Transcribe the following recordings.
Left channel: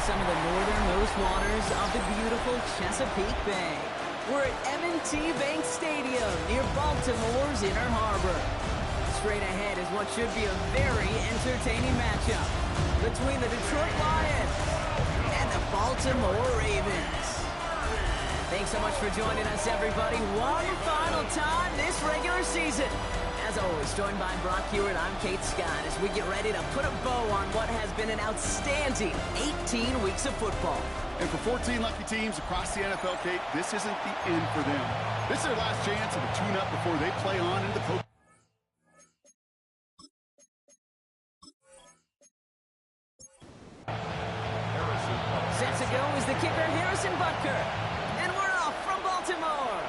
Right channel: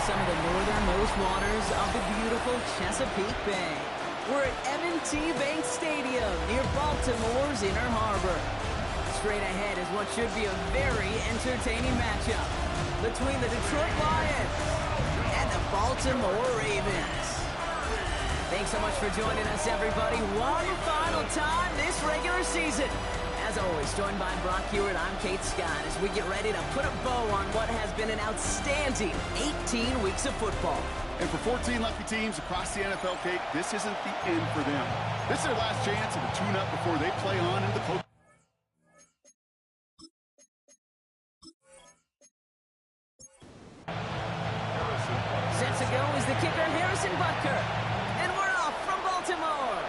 into some of the northernmost waters of the beautiful Chesapeake Bay. We're at M&T Bank Stadium near Baltimore's Inner Harbor. Straight ahead is what should be a very entertaining matchup between the Detroit Lions and the Baltimore Ravens. Thanks so much for joining us, everybody. One final time this regular season. As always, joined by Brock Hewitt, I'm Kate Scott as we get ready to put a bow on what has been an outstanding 18 weeks of football. And for 14 lucky teams across the NFL, Kate, this isn't the end for them. This is their last chance to tune up before they play on into the post. Set to go is the kicker, Harrison Butker. And we're off from Baltimore.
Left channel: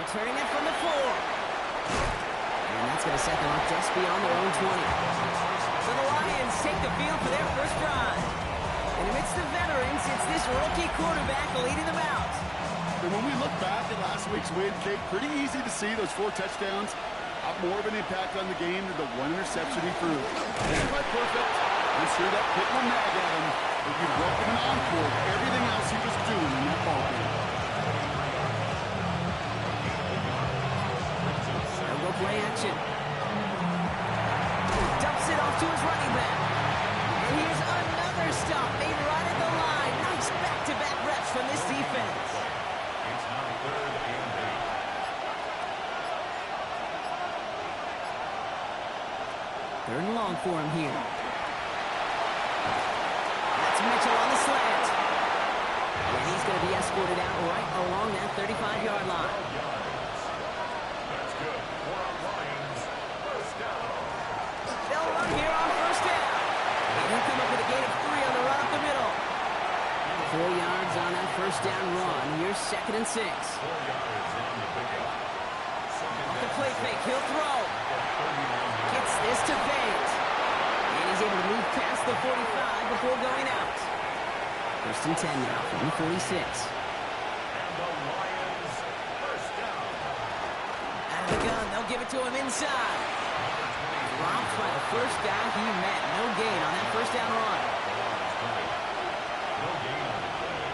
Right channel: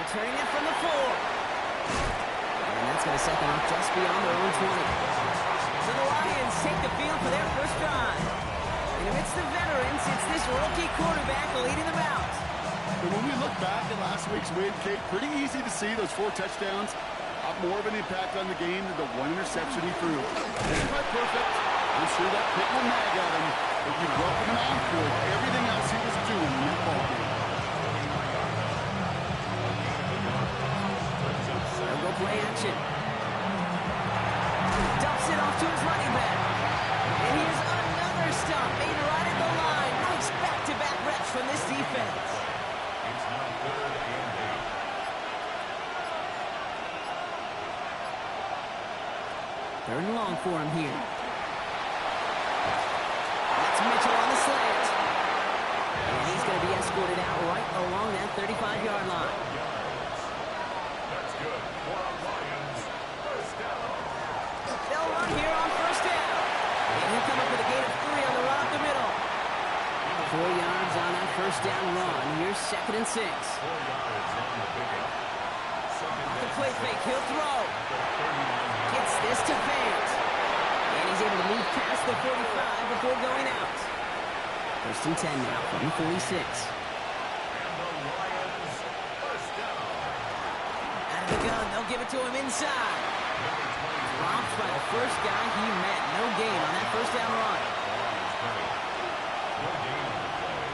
Returning it from the 4. And that's going to set them up just beyond their own 20. So the Lions take the field for their first drive. And amidst the veterans, it's this rookie quarterback leading them out. And when we look back at last week's win, Kate, pretty easy to see those 4 touchdowns have more of an impact on the game than the 1 interception he threw. Not quite perfect. I'm sure that pick will nag at him, but you'd welcome an encore to everything else he was doing in that ballgame. They'll go play action. Dumps it off to his running back. And here's another stop made right at the line. Nice back-to-back reps from this defense. It's now 3rd and 8. 3rd and long for him here. That's Mitchell on the slant. And he's going to be escorted out right along that 35-yard line. That's good. For our Lions, first down. They'll run here on first down. And he'll come up with a gain of 3 on the run up the middle. 4 yards on that first down run. Here's 2nd and 6. 4 yards on the pickup. The play fake, he'll throw. Gets this to Fate. And he's able to move past the 45 before going out. 1st and 10 now from the 46. And the Lions, first down. Out of the gun, they'll give it to him inside. Dropped by the first guy he met. No gain on that first down run. No gain on the play.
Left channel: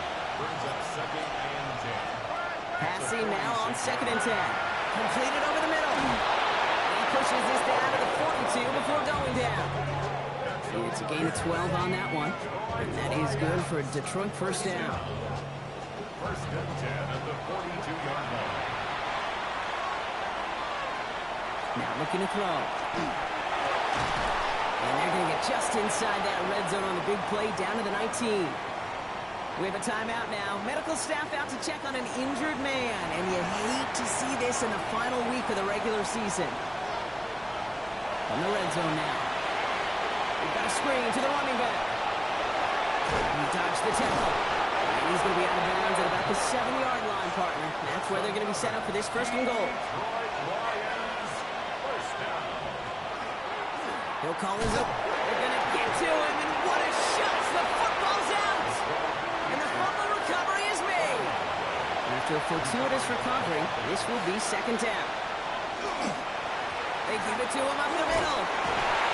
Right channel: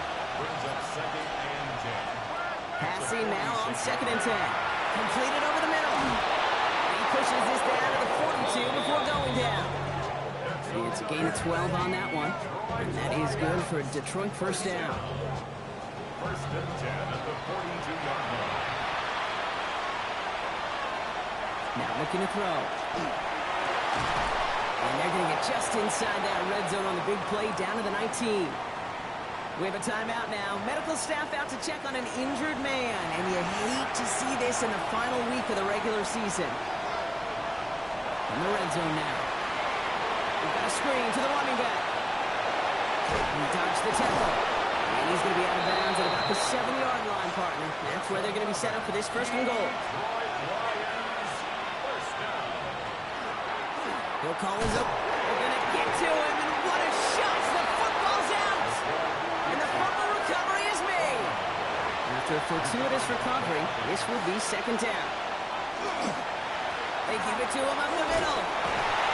Brings up 2nd and 10. Passing now on 2nd and 10. Completed over the middle. And he pushes this down to the 42 before going down. It's a gain of 12 on that one. And that is good for a Detroit first down. 1st and 10 at the 42-yard line. Now looking to throw. And they're going to get just inside that red zone on the big play down to the 19. We have a timeout now. Medical staff out to check on an injured man. And you hate to see this in the final week of the regular season. From the red zone now. We've got a screen to the running back. He dodged the tackle. And he's going to be out of bounds at about the 7-yard line, partner. That's where they're going to be set up for this 1st and goal. He'll call his up. They're going to get to him, and what a shot! The football's out! And the fumble recovery is made. After a fortuitous recovery, this will be 2nd down. They give it to him up the middle.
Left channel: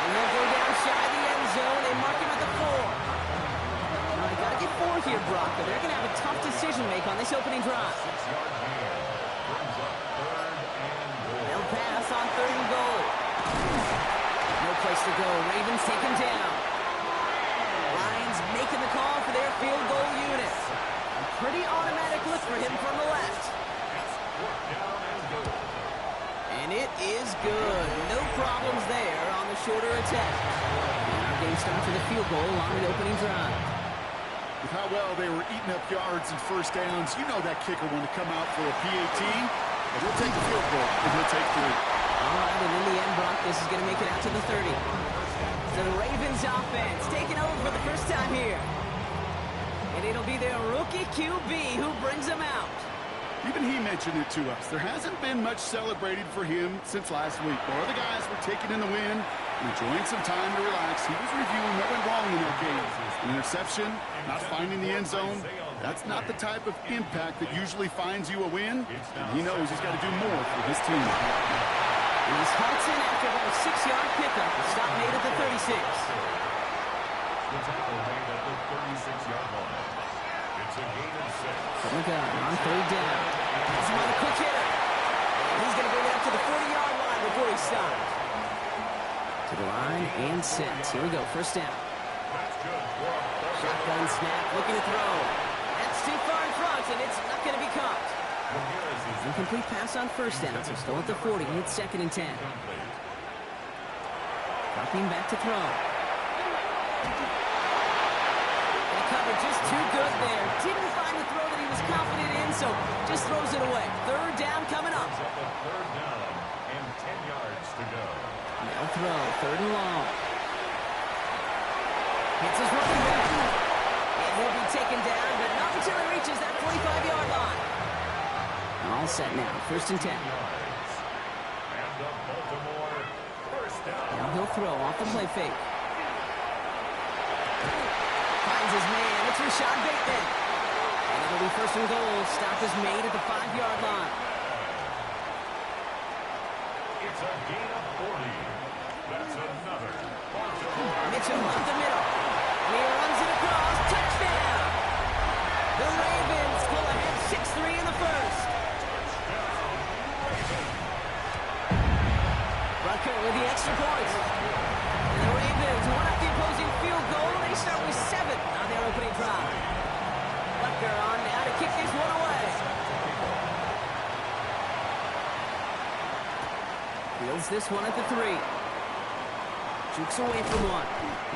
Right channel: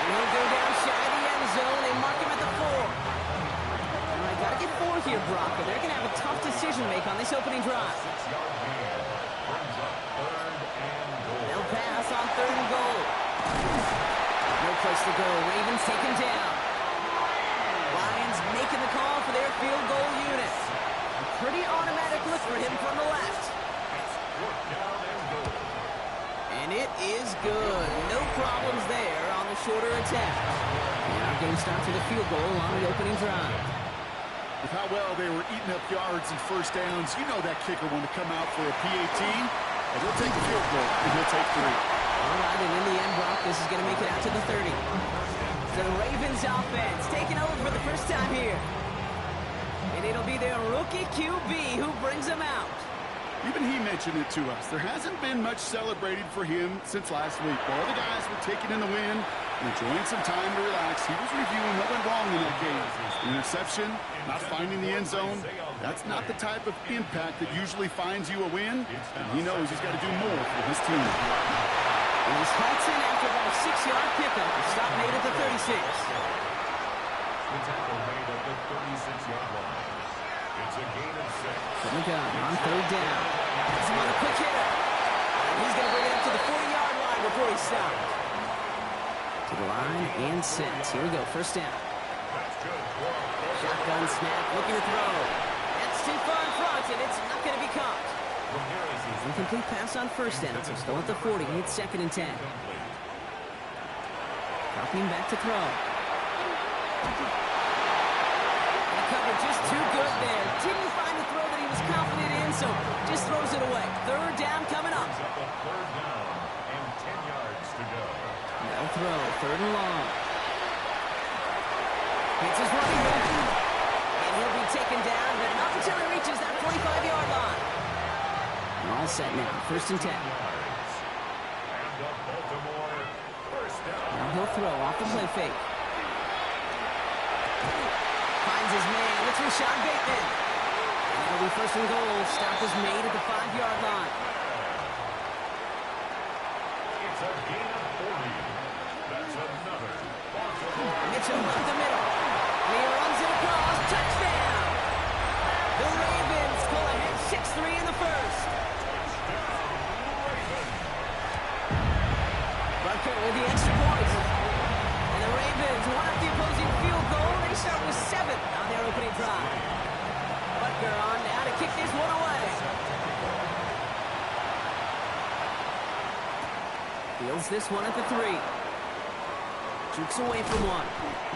And he'll go down shy of the end zone. They mark him at the 4. All right, got to get 4 here, Brock, but they're going to have a tough decision to make on this opening drive. 6-yard gain. Brings up 3rd and goal. They'll pass on 3rd and goal. No place to go. Ravens take him down. Lions making the call for their field goal unit. A pretty automatic look for him from the left. It's 4th down and goal. And it is good. No problems there on the shorter attempt. And our game starts with a field goal on the opening drive. With how well they were eating up yards and first downs, you know that kicker wanted to come out for a PAT, and he'll take the field goal, and he'll take 3. All right, and in the end, Brock, this is going to make it out to the 30. So the Ravens offense taking over for the first time here. And it'll be their rookie QB who brings them out. Even he mentioned it to us. There hasn't been much celebrated for him since last week. While other guys were taking in the win and enjoying some time to relax, he was reviewing what went wrong in that game. An interception, not finding the end zone, that's not the type of impact that usually finds you a win. And he knows he's got to do more for his team. And he's halts in after about a 6-yard pickup. The stop made at the 36. The tackle made at the 36-yard line. It's a gain of 6. From the gun on third down. Has him on the quick hitter. And he's going to bring it up to the 40-yard line before he stops. To the line and set. Here we go, first down. That's good for a Shotgun snap, looking to throw. That's too far in front, and it's not going to be caught. Incomplete pass on first down, so still at the 40. It's second and 10. Dropping back to throw. The cover just too good there. Didn't find the throw that he was confident in, so just throws it away. Third down coming up. Up a third down and 10 yards to go. They'll throw, third and long. Hits his running back. And he'll be taken down, but not until he reaches that 45-yard line. All set now, first and 10. And the Baltimore first down. Now he'll throw off the play fake. Finds his man. It's Rashad Bateman. And it'll be first and goal. Stop is made at the 5-yard line. It's a gain of 40. That's another Baltimore. Mitchell up the middle. And he runs it across. Touchdown! The Ravens pull ahead 6-3 in the first. Touchdown, Ravens. Butker with the extra point. And the Ravens one up the opposing field goal. They start with 7 on their opening drive. Butker on now to kick this one away. Fields this one at the 3. Jukes away from one.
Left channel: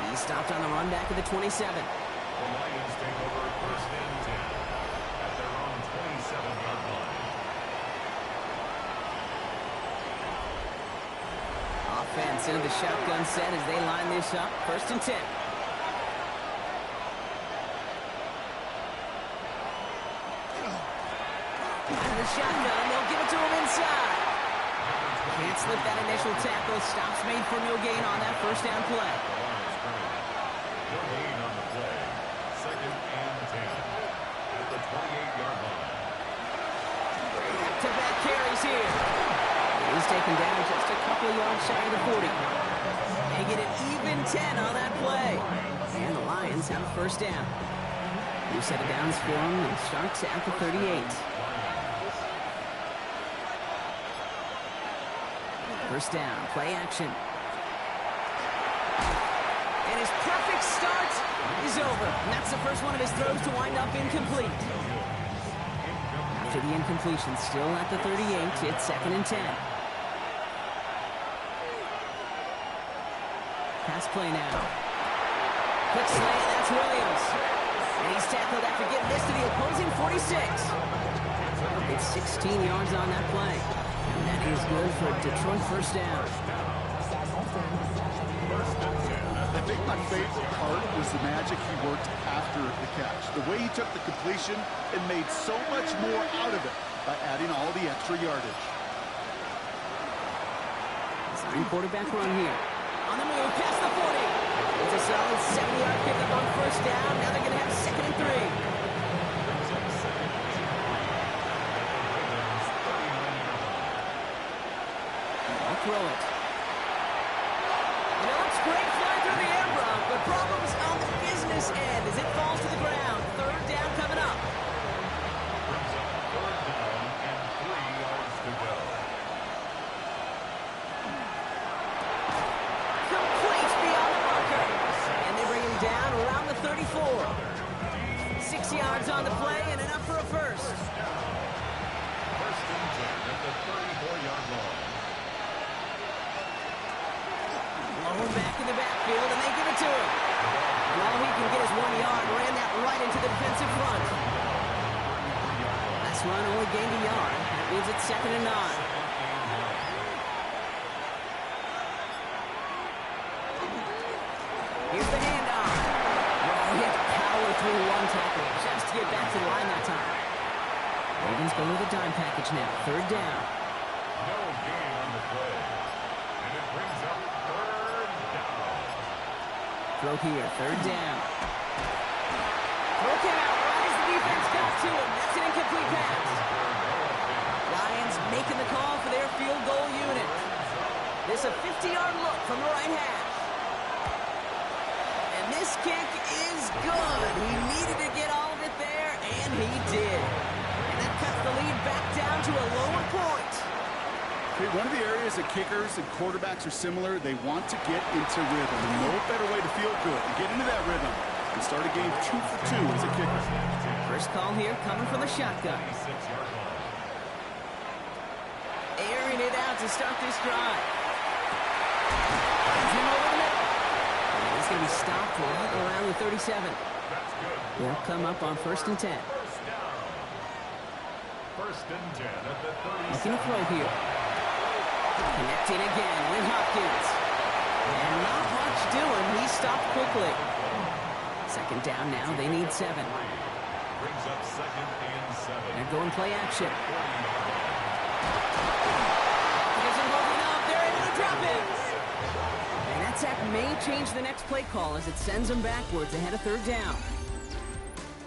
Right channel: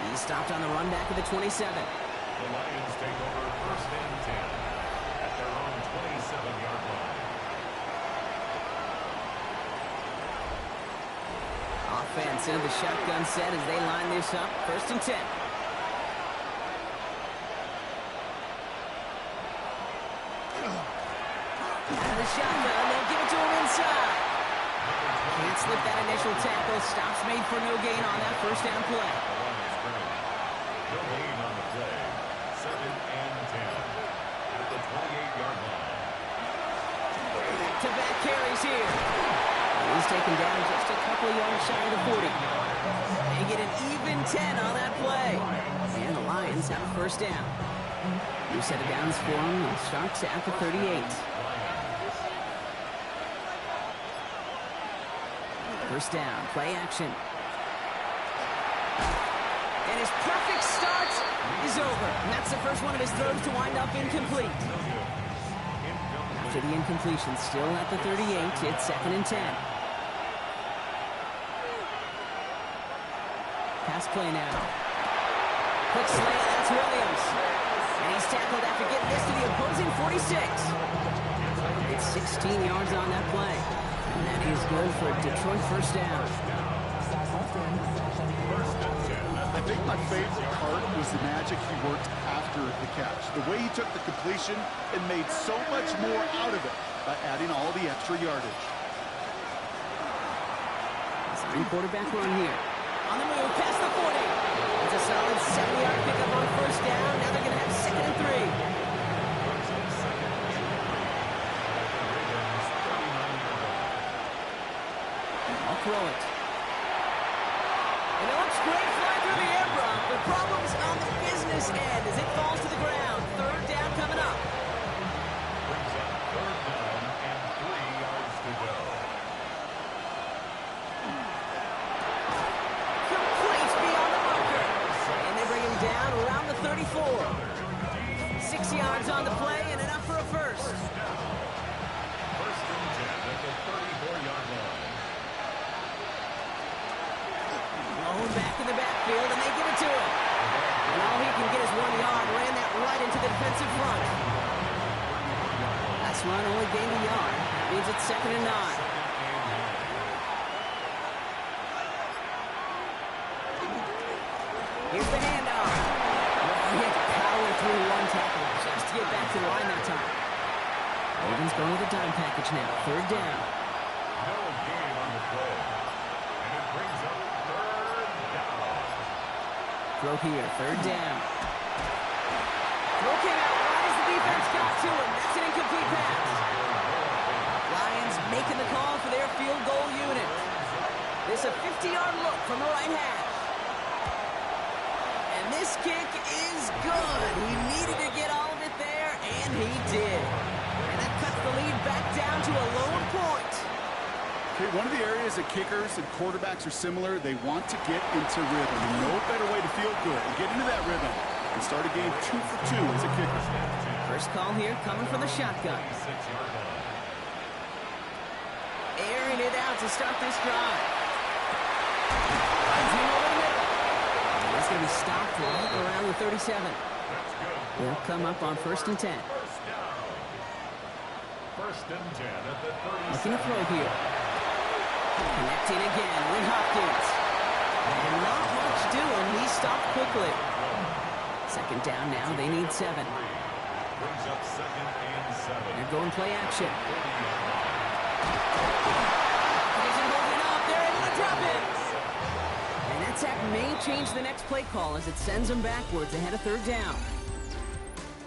He stopped on the run back of the 27. The Lions take over first and 10 at their own 27-yard line. Offense into the shotgun set as they line this up. First and 10. Out of the shotgun, they'll give it to him inside. Can't slip that initial tackle. Stops made for no gain on that first down play. No gain on the play. Second and 10 at the 28-yard line. Back-to-back carries here. He's taken down just a couple of yards shy of the 40. They get an even 10 on that play. And the Lions have a first down. New set of downs for them. It starts at the 38. First down, play action. And his perfect start is over. And that's the first one of his throws to wind up incomplete. After the incompletion, still at the 38, it's second and 10. Pass play now. Quick slant, that's Williams. And he's tackled after getting this to the opposing 46. It's 16 yards on that play. And that is good for a Detroit first down. I think my favorite part was the magic he worked after the catch. The way he took the completion and made so much more out of it by adding all the extra yardage. Design quarterback run here. On the move, past the 40. It's a solid 7-yard pickup on first down. Now they're going to have second and 3. Brings up second and 3 at the Ravens' 39-yard line. I'll throw it. And it looks great flying through the air, Brock, but problems on the business end as it falls to the ground. Third down coming up. Brings up third down and 3 yards to go. Complete beyond the marker. And they bring him down around the 34. 6 yards on the play and enough for a first. First and 10 at the 34-yard line. Blown back in the backfield, and they give it to him. And all he can get is 1 yard. Ran that right into the defensive front. Last run only gained a yard. That means it's second and 9. Here's the handoff. Well, he had to power through one tackle just to get back to the line that time. Ravens go with a dime package now. Third down. No gain on the play. And it brings up third down. Throw here. Third down. Throw came out right as the defense got to him. That's an incomplete pass. Lions making the call for their field goal unit. This a 50-yard look from the right hash. And And this kick is good. He needed to get all of it there, and he did. And that cuts the lead back down to a lower point. Okay, one of the areas that kickers and quarterbacks are similar, they want to get into rhythm. And no better way to feel good and get into that rhythm and start a game 2 for 2 as a kicker. First call here coming from the shotgun. Airing it out to start this drive. Finds him over the middle. And he's going to be stopped right around the 37. They'll come up on 1st and 10. First and 10 at the 37. Looking to throw here. Connecting again with Hopkins. And not much doing. He stopped quickly. Second down now. They need 7. Brings up 2nd and 7. They're going play action. Isn't holding up. They're able to drop it. And that sack may change the next play call as it sends them backwards ahead of 3rd down.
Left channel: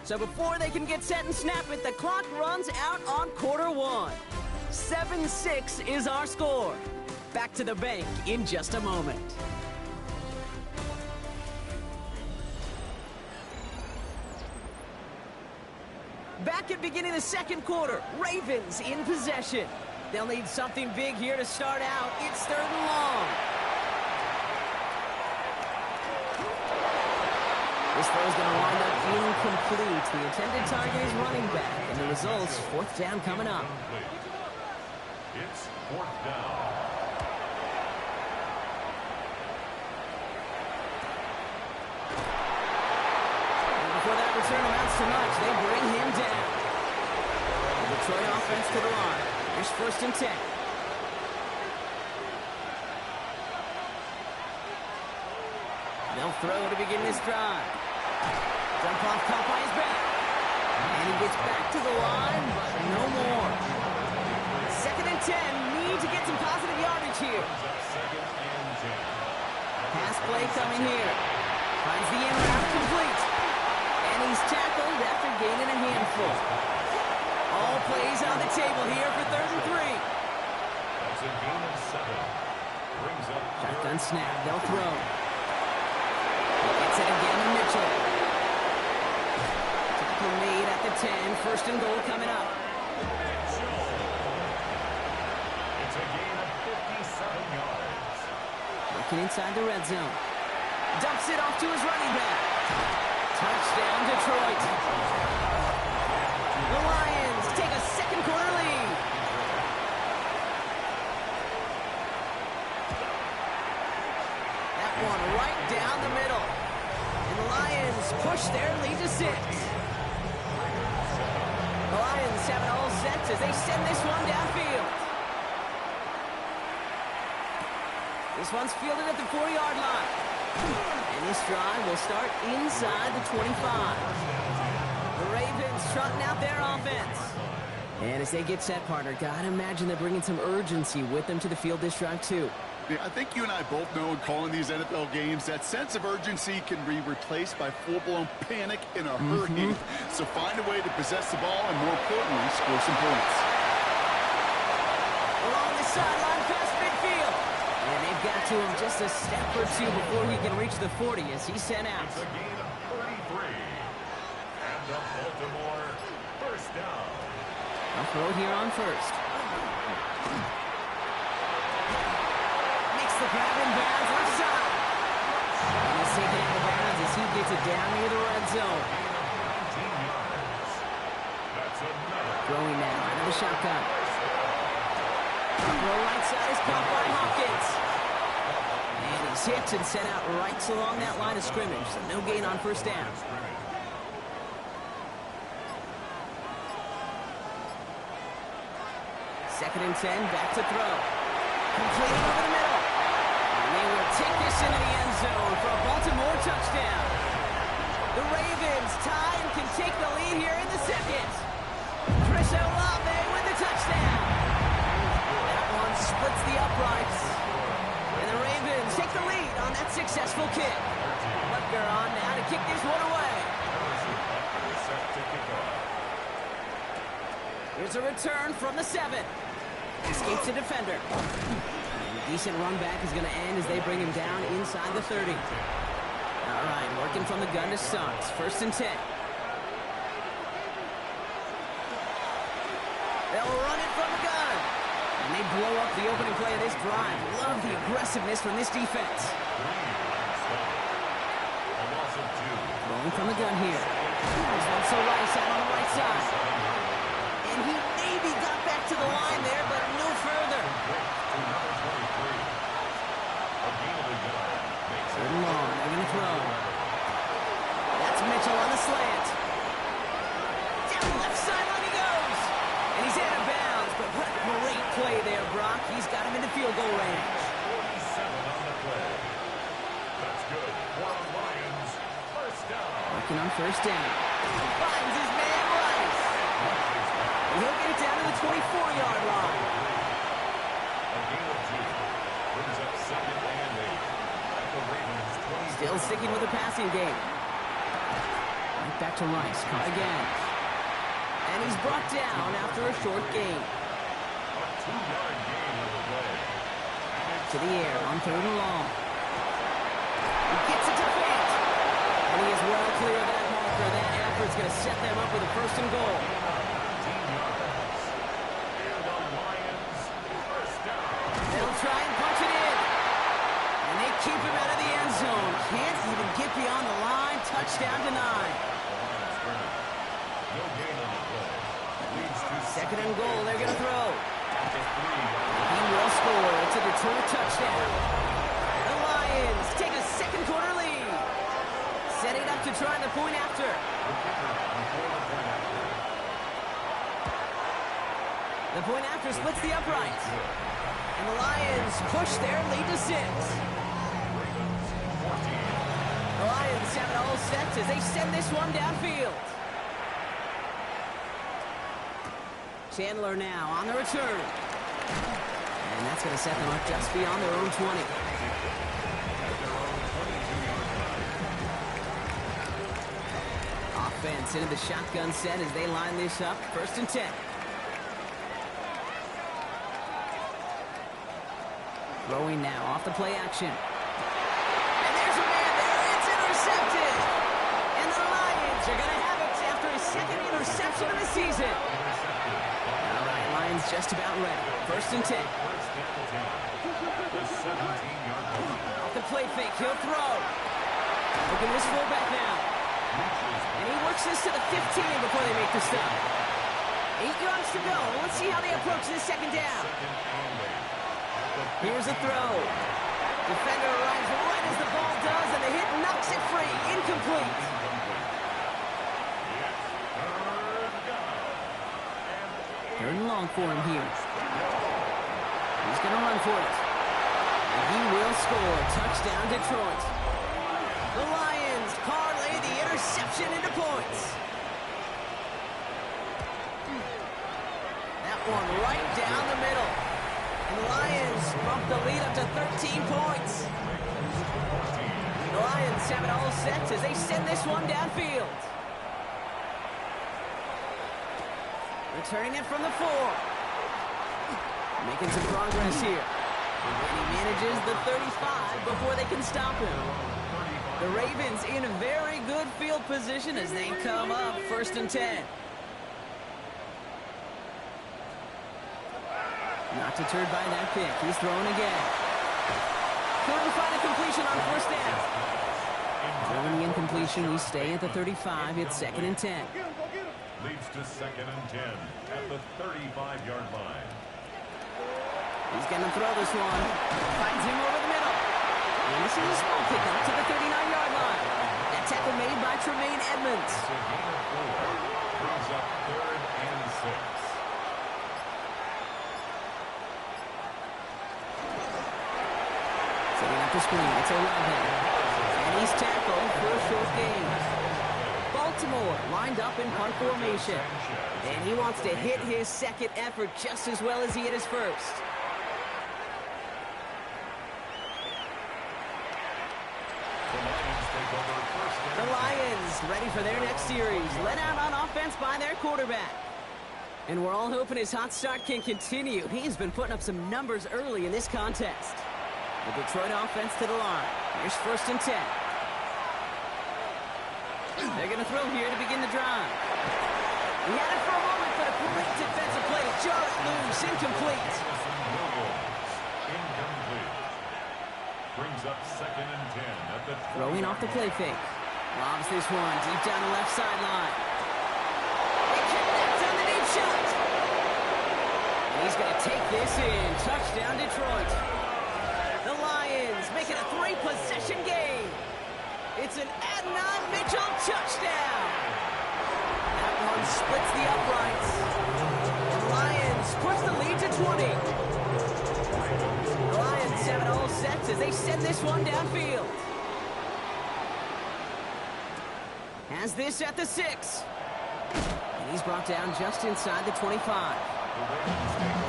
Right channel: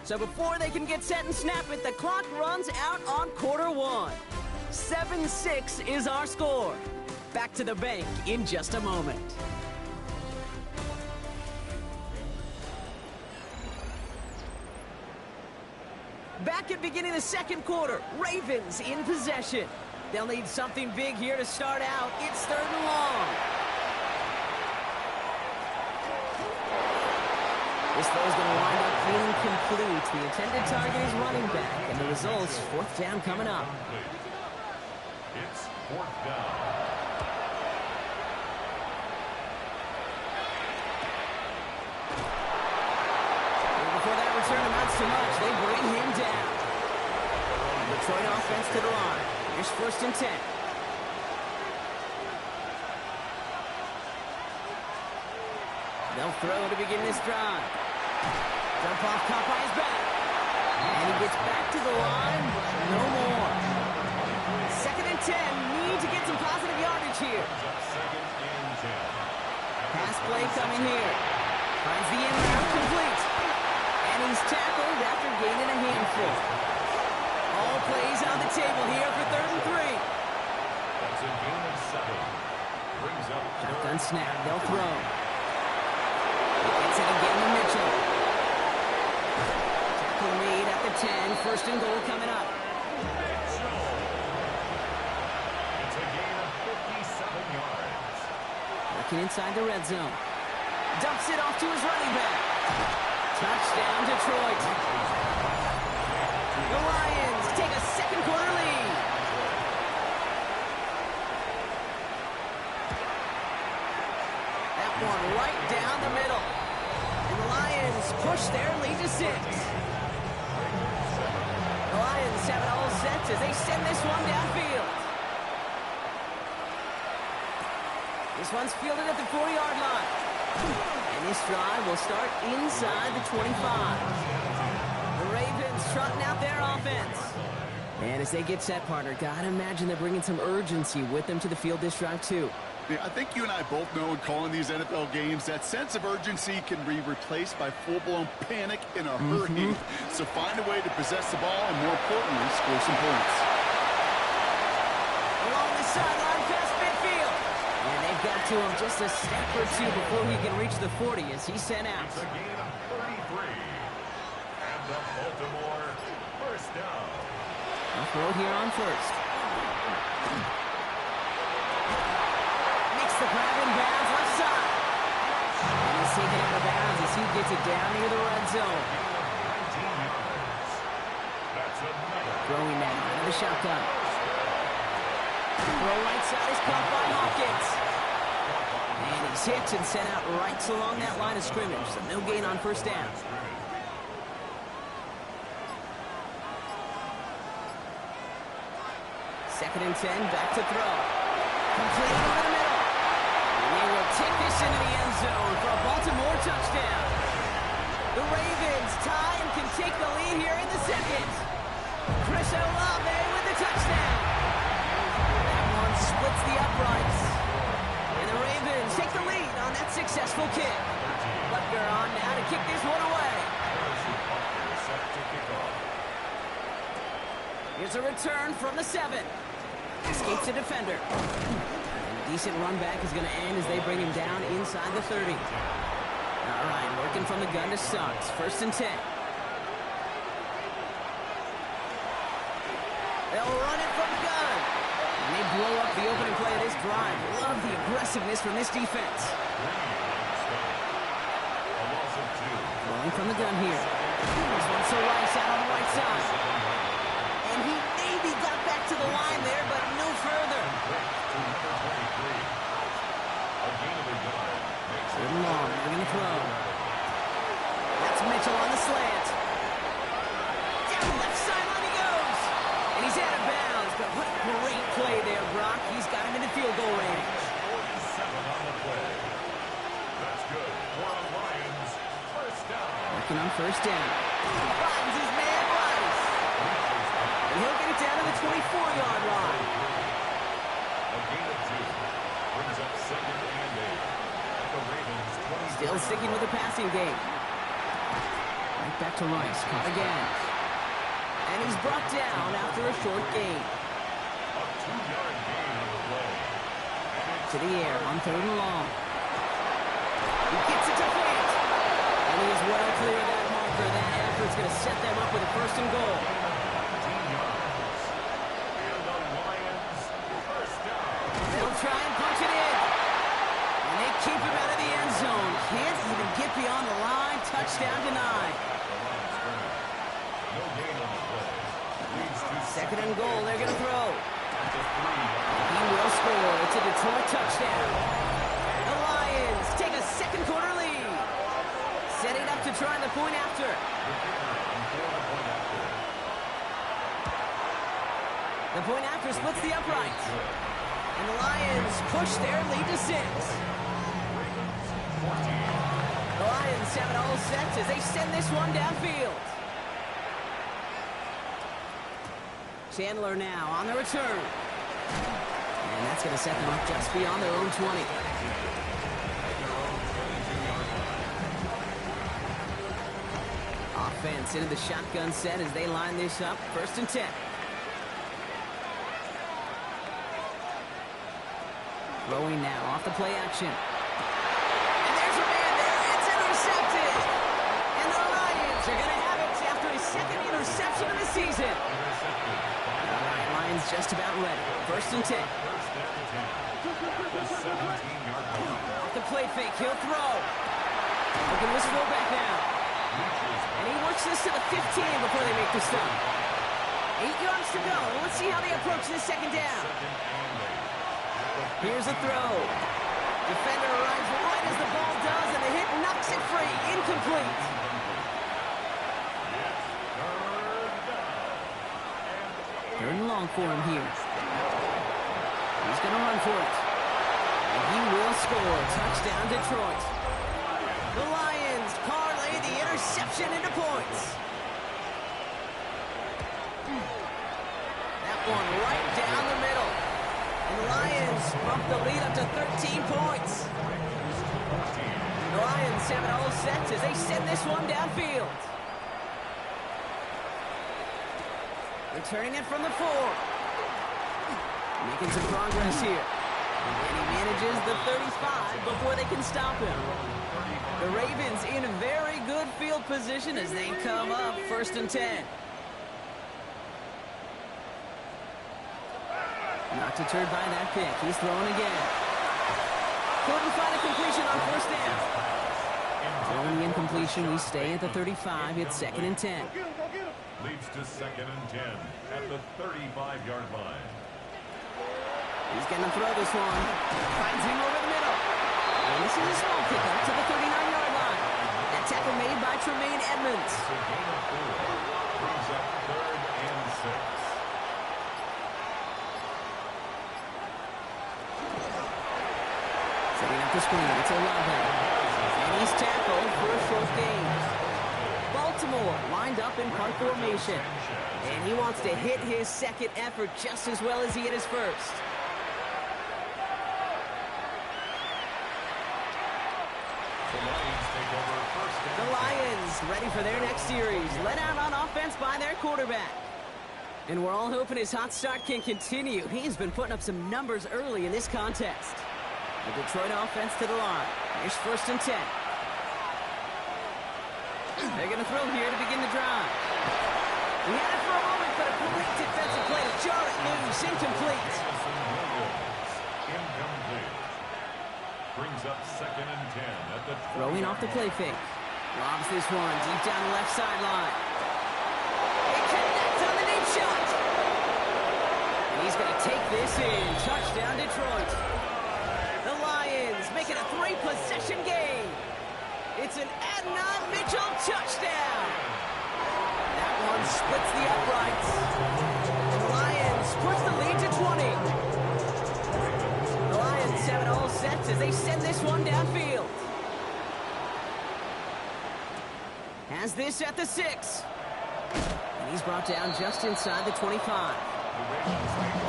So before they can get set and snap it, the clock runs out on quarter 1. 7-6 is our score. Back to the bank in just a moment. Back at beginning the 2nd quarter, Ravens in possession. They'll need something big here to start out. It's 3rd and long. This throw is going to wind up being complete. The intended target is running back, and the result's 4th down coming up. It's 4th down. Before that return amounts to much, they bring him down. Detroit offense to the line. Here's 1st and 10. They'll throw to begin this drive. Dump off caught by his back. And he gets back to the line, but no more. 2nd and 10. Need to get some positive yardage here. Pass play coming here. Finds the in route complete. And he's tackled after gaining a handful. All plays on the table here for 3rd and 3. That's a gain of 7. Brings up Shotgun snap. They'll throw. He gets it again to Mitchell. Tackle made at the 10. 1st and goal coming up. Mitchell. It's a gain of 57 yards. Working inside the red zone. Dumps it off to his running back. Touchdown, Detroit. The Lions take a 2nd quarter lead. That one right down the middle. And the Lions push their lead to 6. The Lions have it all set as they send this one downfield. This one's fielded at the 40-yard line. And this drive will start inside the 25. The Ravens trotting out their offense. And as they get set, partner, gotta imagine they're bringing some urgency with them to the field this drive, too. Yeah, I think you and I both know in calling these NFL games that sense of urgency can be replaced by full-blown panic in a hurry. So find a way to possess the ball and, more importantly, score some points. Along the sideline past midfield. And they've got to him just a step or 2 before he can reach the 40 as he's sent out. It's a gain of 33. And the Baltimore 1st down. I'll throw here on 1st. Makes the grab in bounds left side. And he's taken out of bounds as he gets it down near the red zone. Gain of 19 yards. That's another. Throwing now out of the shotgun. Throw right side is caught by Hopkins. And he's hit and sent out right along that line of scrimmage. So no gain on 1st down. 2nd and 10, back to throw. Completed over the middle. And they will take this into the end zone for a Baltimore touchdown. The Ravens tie and can take the lead here in the 2nd. Chris Olave with the touchdown. That one splits the uprights. And the Ravens take the lead on that successful kick. Butker on now to kick this one away. Here's a return from the 7. Escapes a defender. And a decent run back is going to end as they bring him down inside the 30. All right, working from the gun to start. First and 10. They'll run it from the gun. And they blow up the opening play of this drive. Love the aggressiveness from this defense. Throwing from the gun here. This one's to Rice out on the right side. And he maybe got back to the line there, but no further. Third and long. They're going to throw. That's Mitchell on the slant. Down the left sideline he goes. And he's out of bounds. But what a great play there, Brock. He's got him in the field goal range. 47 on the play. That's good for a Lions first down. Working on first down. Finds his man, Rice. And he'll get it down to the 24-yard line. A gain of 2 brings up second and 8. At the Ravens 20. Still sticking with the passing game. Right back to Rice. Caught again. And he's brought down after a short gain. A 2-yard gain on the play. To the air on third and long. He gets it to Fant. And he is well clear of that marker. That effort's going to set them up with a first and goal. 19 yards. And the Lions first down. They'll try and punch it in. And they keep him out of the end zone. Can't even get beyond the line. Touchdown denied. No gain on the play. Leads to Second and goal. They're going to throw. at the 3-yard. He will score. It's a Detroit touchdown. The Lions take a second quarter lead. Setting up to try the point after. The kicker on for the point after. The point after splits the uprights. And the Lions push their lead to 6. Ravens 14. The Lions have it all set as they send this one downfield. Chandler now on the return. And that's going to set them up just beyond their own 20. At their own 22-yard line. Offense into the shotgun set as they line this up. First and 10. Throwing now off the play action. And there's a man there. It's intercepted. And the Lions are going to have it after his second interception of the season. All right, Lions just about ready. First and 10. First and 10. At the 17-yard line. Off the play fake, he'll throw. Looking this fullback now. And he works this to the 15 before they make the stop. 8 yards to go. Let's see how they approach this second down. Here's a throw. Defender arrives right as the ball does, and the hit knocks it free. Incomplete. Third and long for him here. He's going to run for it. And he will score. Touchdown, Detroit. The Lions parlay the interception into points. That one right down the middle. And the Lions bump the lead up to 13 points. The Lions have it all set as they send this one downfield. Returning it from the 4. Making some progress here. And he manages the 35 before they can stop him. The Ravens in very good field position as they come up first and 10. Not deterred by that pick. He's thrown again. Couldn't find a completion on first down. Throwing the incompletion, we stay at the 35. It's second and 10. Leads to second and 10 at the 35-yard line. He's going to throw this one. Finds him over the middle. And this is a small pickup to the 39-yard line. That tackle made by Tremaine Edmonds. It's a gain of 4. Brings up third and 6. Setting up the screen. It's Olave. And he's tackled for a short gain. Baltimore lined up in punt formation. And he wants to hit his second effort just as well as he hit his first. The Lions take over first and The Lions ready for their next series. Led out on offense by their quarterback. And we're all hoping his hot start can continue. He's been putting up some numbers early in this contest. The Detroit offense to the line. Here's first and 10. They're going to throw here to begin the drive. He had it for a moment, but a great defensive play to jar it loose. Incomplete. Incomplete. Brings up 2nd and 10 at the throwing off the play fake. Lobs this one deep down the left sideline. They connect on the deep shot. And he's going to take this in. Touchdown, Detroit. The Lions make it a 3-possession game. It's an Adnan Mitchell touchdown. That one splits the uprights. The Lions push the lead to 20. The Lions have it all set as they send this one downfield. Has this at the 6. And he's brought down just inside the 25.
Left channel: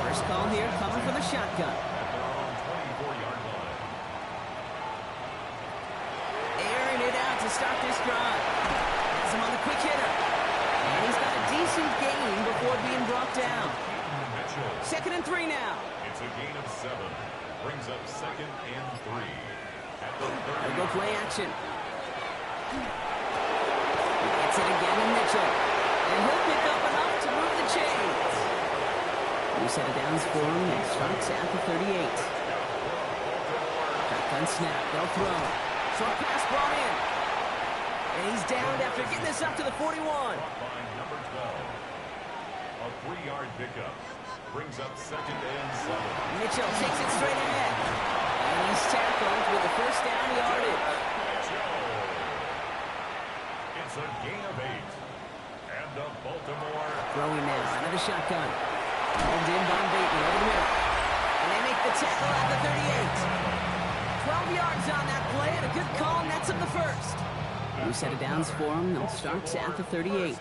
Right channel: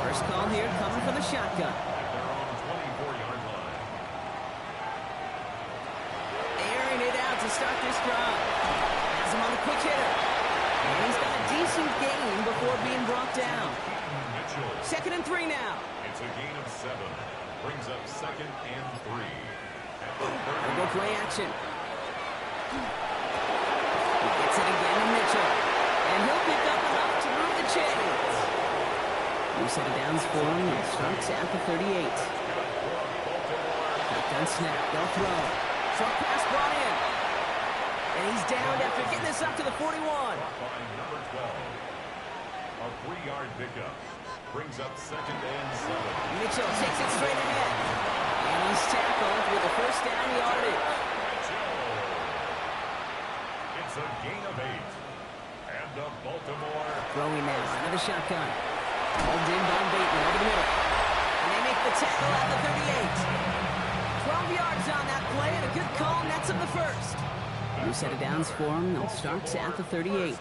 First call here coming from the shotgun. At their own 24-yard line. Airing it out to start this drive. Has him on the quick hitter. And he's got a decent gain before being brought down. Mitchell. 2nd and 3 now. It's a gain of 7. Brings up 2nd and 3. At the 30. They'll go play action. He gets it again to Mitchell. And he'll pick up enough to move the chains. New set of downs for him. It starts at the 38. Shotgun snap. They'll throw. Short pass brought in. And he's downed after getting this up to the 41. By number 12. A 3-yard pickup. Brings up 2nd and 7. Mitchell takes it straight ahead. And he's tackled with a first down yardage. Mitchell. It's a gain of 8. And the Baltimore. Throwing now out of the shotgun. Hauled in by Bateman over the middle. And they make the tackle at the 38. 12 yards on that play and a good call nets him the first. New set of downs for him. They'll start at the 38.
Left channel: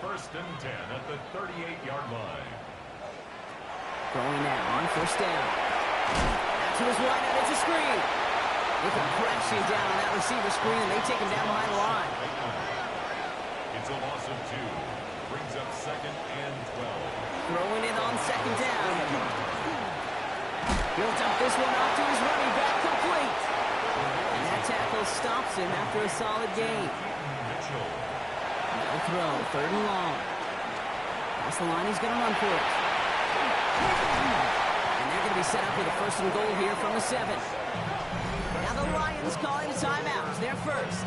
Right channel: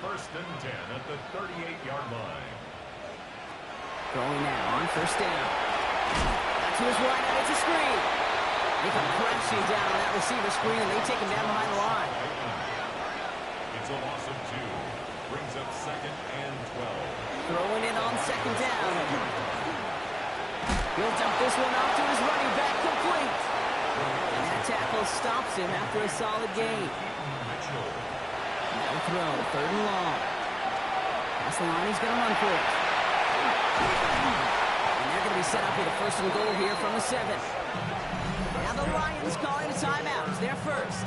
First and 10 at the 38-yard line. Throwing now on first down. Out to his wideout. It's a screen. They come crashing down on that receiver screen, and they take him down behind the line. It's a loss of 2. Brings up 2nd and 12. Throwing it on 2nd down. He'll dump this one off to his running back, complete. And that tackle stops him after a solid gain. Mitchell. They'll throw, 3rd and long. Past the line, he's going to run for it. And they're going to be set up with a 1st and goal here from the 7. Now the Lions calling a timeout. They're first.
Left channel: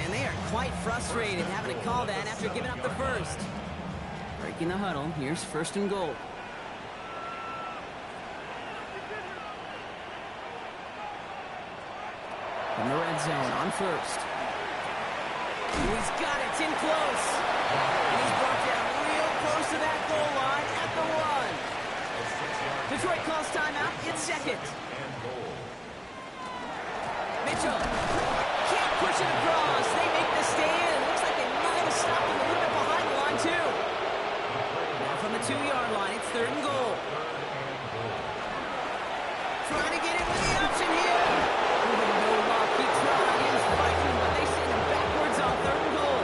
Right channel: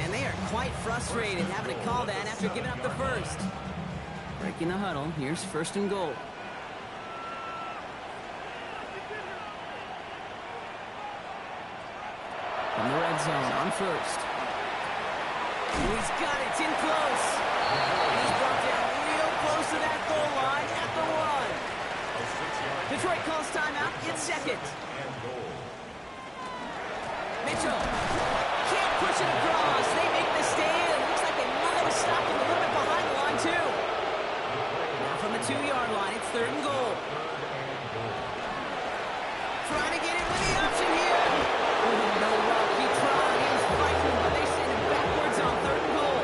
And they are quite frustrated having to call that after giving up the first. Breaking the huddle, here's 1st and goal. From the red zone on first. He's got it, it's in close. And he's brought down real close to that goal line at the 1. Detroit calls timeout, it's 2nd. Mitchell can't push it across. They make the stand. Looks like they might have stopped him a little bit behind the line, too. Now from the 2-yard line, it's 3rd and goal. Trying to get in with the option here. No luck. He tried. He was fighting, but they send him backwards on 3rd and goal.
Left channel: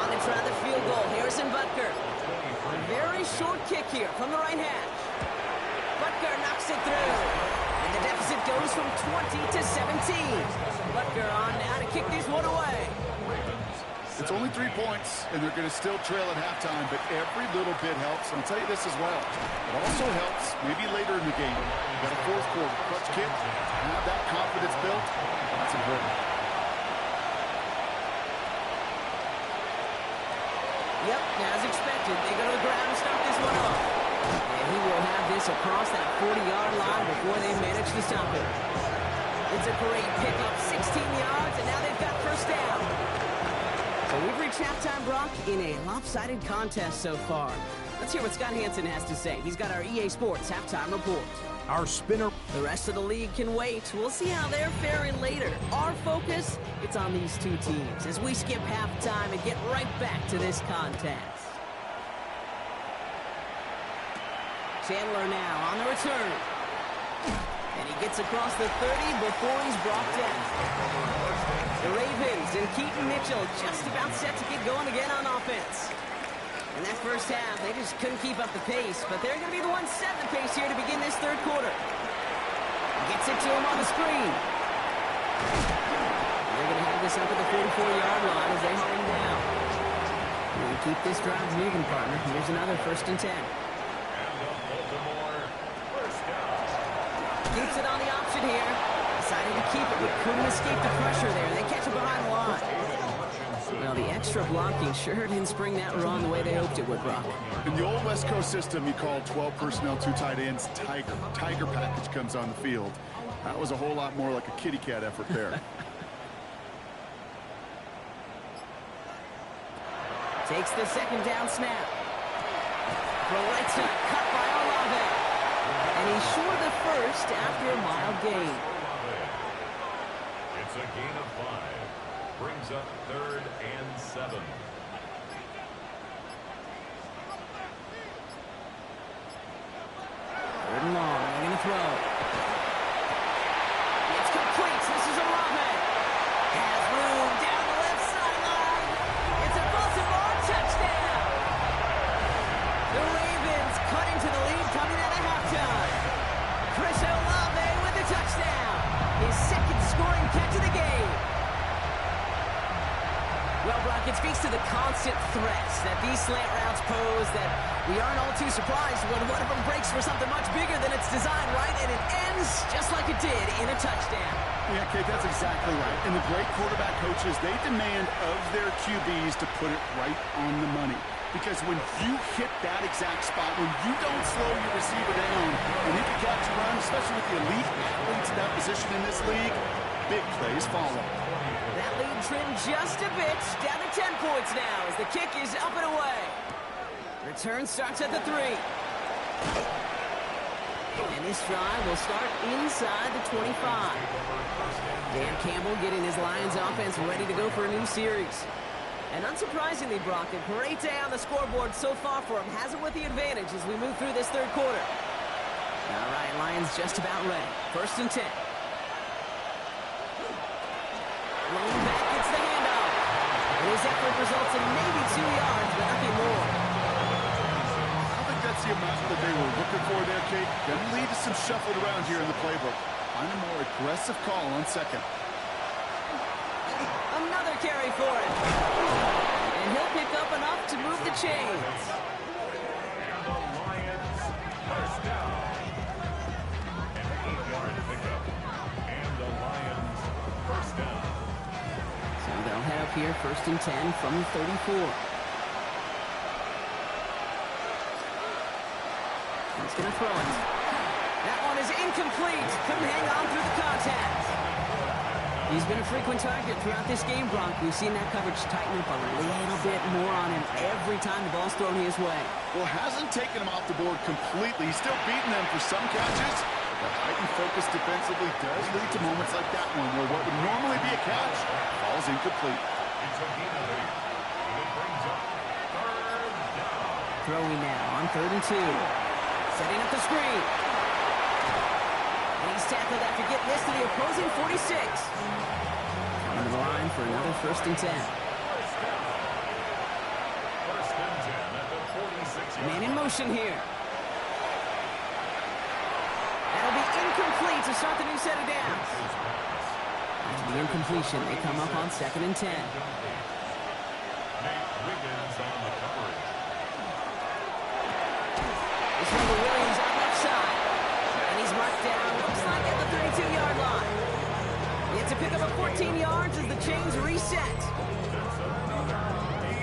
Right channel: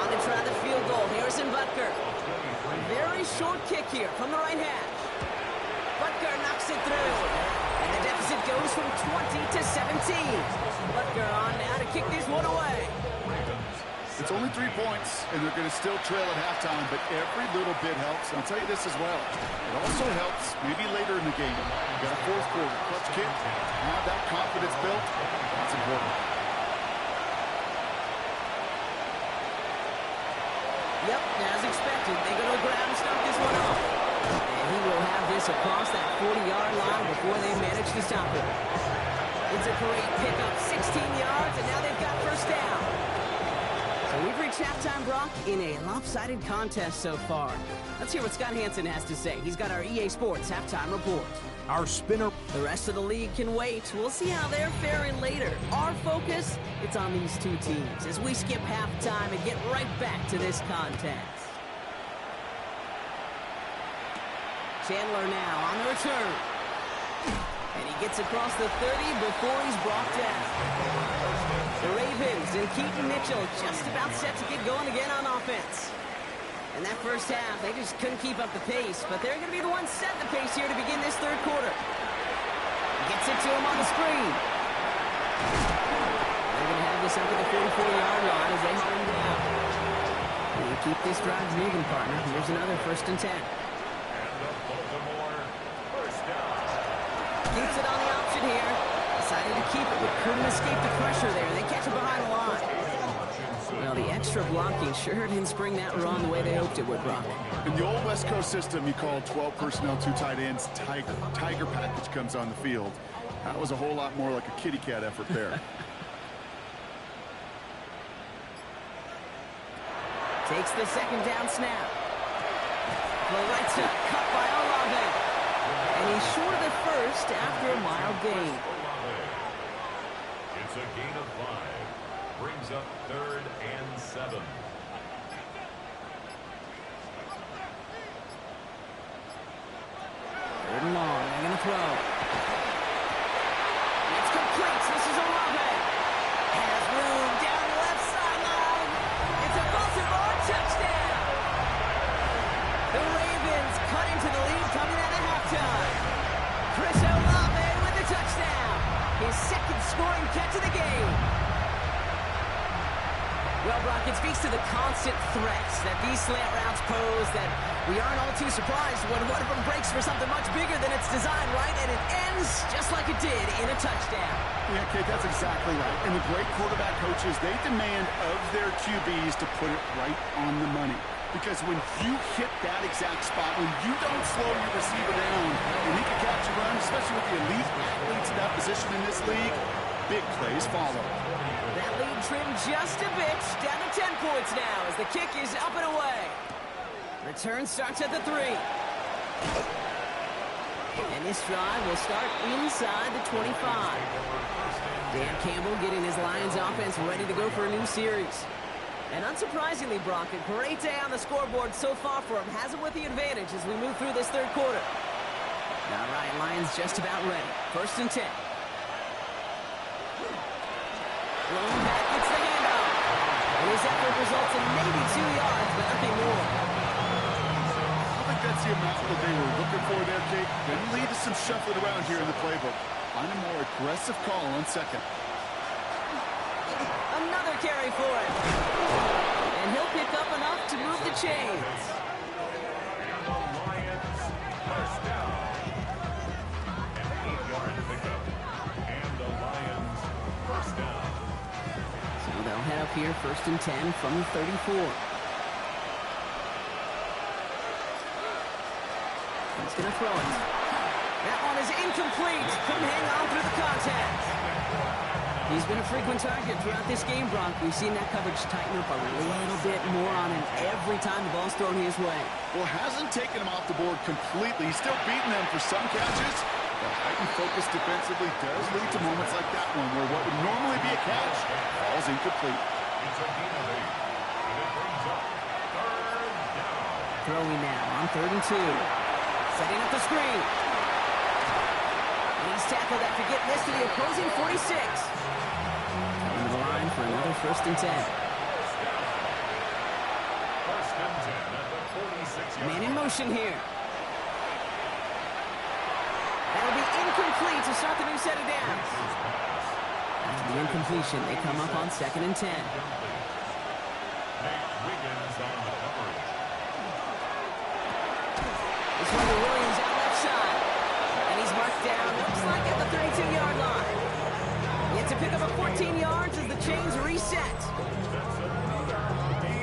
On to try the field goal, Harrison Butker. A very short kick here from the right hash. Butker knocks it through. And the deficit goes from 20 to 17. Butker on now to kick this one away. It's only 3 points, and they're going to still trail at halftime, but every little bit helps. And I'll tell you this as well. It also helps maybe later in the game. You got a 4th quarter clutch kick. Have that confidence built. That's important. Yep, as expected, they go to the ground and start this one off. And he will have this across that 40-yard line before they manage to stop him. It's a great pickup, 16 yards, and now they've got first down. So we've reached halftime, Brock, in a lopsided contest so far. Let's hear what Scott Hansen has to say. He's got our EA Sports halftime report. Our spinner. The rest of the league can wait. We'll see how they're faring later. Our focus, it's on these two teams as we skip halftime and get right back to this contest. Chandler now on the return. And he gets across the 30 before he's brought down. The Ravens and Keaton Mitchell just about set to get going again on offense. In that first half, they just couldn't keep up the pace, but they're going to be the ones setting the pace here to begin this 3rd quarter. Gets it to him on the screen. And they're going to have this up at the 44-yard line as they haul him down. And keep this drive moving, partner. Here's another 1st and 10. And the Baltimore first down. Keeps it on the option here. Decided to keep it, but couldn't escape the pressure there. They catch it behind the line. Well, the extra blocking sure didn't spring that run the way they hoped it would, Brock. In the old West Coast system, you call 12 personnel, 2 tight ends, Tiger. Tiger package comes on the field. That was a whole lot more like a kitty cat effort there. Takes the 2nd down snap. The right side cut by Olave. And he's short of the 1st after a mild gain. It's a gain of 5. Brings up 3rd and 7. 3rd and long. They're going to throw. It's complete. This is Olave. Has room down the left sideline. It's a Baltimore touchdown. The Ravens cut into the lead coming out of halftime. Chris Olave with the touchdown. His 2nd scoring catch of the game. Well, Brock, it speaks to the constant threats that these slant routes pose that we aren't all too surprised when one of them breaks for something much bigger than its design, right? And it ends just like it did in a touchdown. Yeah, Kate, that's exactly right. And the great quarterback coaches, they demand of their QBs to put it right on the money. Because when you hit that exact spot, when you don't slow your receiver down and he can catch a run, especially with the elite athletes in that position in this league, big plays follow. That lead trimmed just a bit, down to 10 points now as the kick is up and away. Return starts at the 3. And this drive will start inside the 25. Dan Campbell getting his Lions offense ready to go for a new series. And unsurprisingly, Brock, a great day on the scoreboard so far for him. Has him with the advantage as we move through this 3rd quarter. All right, Lions just about ready. 1st and 10. Lone back gets the handoff. And his effort results in maybe 2 yards, but nothing more. I don't think that's the amount that they were looking for there, Kate. Going to lead to some shuffling around here in the playbook. Find a more aggressive call on 2nd. Another carry for him. And he'll pick up enough to move the chains. And the Lions first down. An 8-yard pickup. And the Lions first down. So they'll head up here 1st and 10 from the 34. He's going to throw it. That one is incomplete. Couldn't hang on through the contact. He's been a frequent target throughout this game, Bronk. We've seen that coverage tighten up a little bit more on him every time the ball's thrown his way. Well, hasn't taken him off the board completely. He's still beating them for some catches. That heightened focus defensively does lead to moments like that one where what would normally be a catch falls incomplete. It's a gain of 8. And it brings up 3rd down. Throwing now on 3rd and 2. Setting up the screen. And he's tackled after getting this to the opposing 46. Coming to the line for another 1st and 10. First down. 1st and 10 at the 46-yard Man in motion here. That'll be incomplete to start the new set of downs. After the incompletion, they come up on 2nd and 10. Nate Wiggins on the coverage. This one to Williams out left side. And he's marked down, looks like at the 32-yard line. He had to pick up a 14 yards as the chains reset. That's another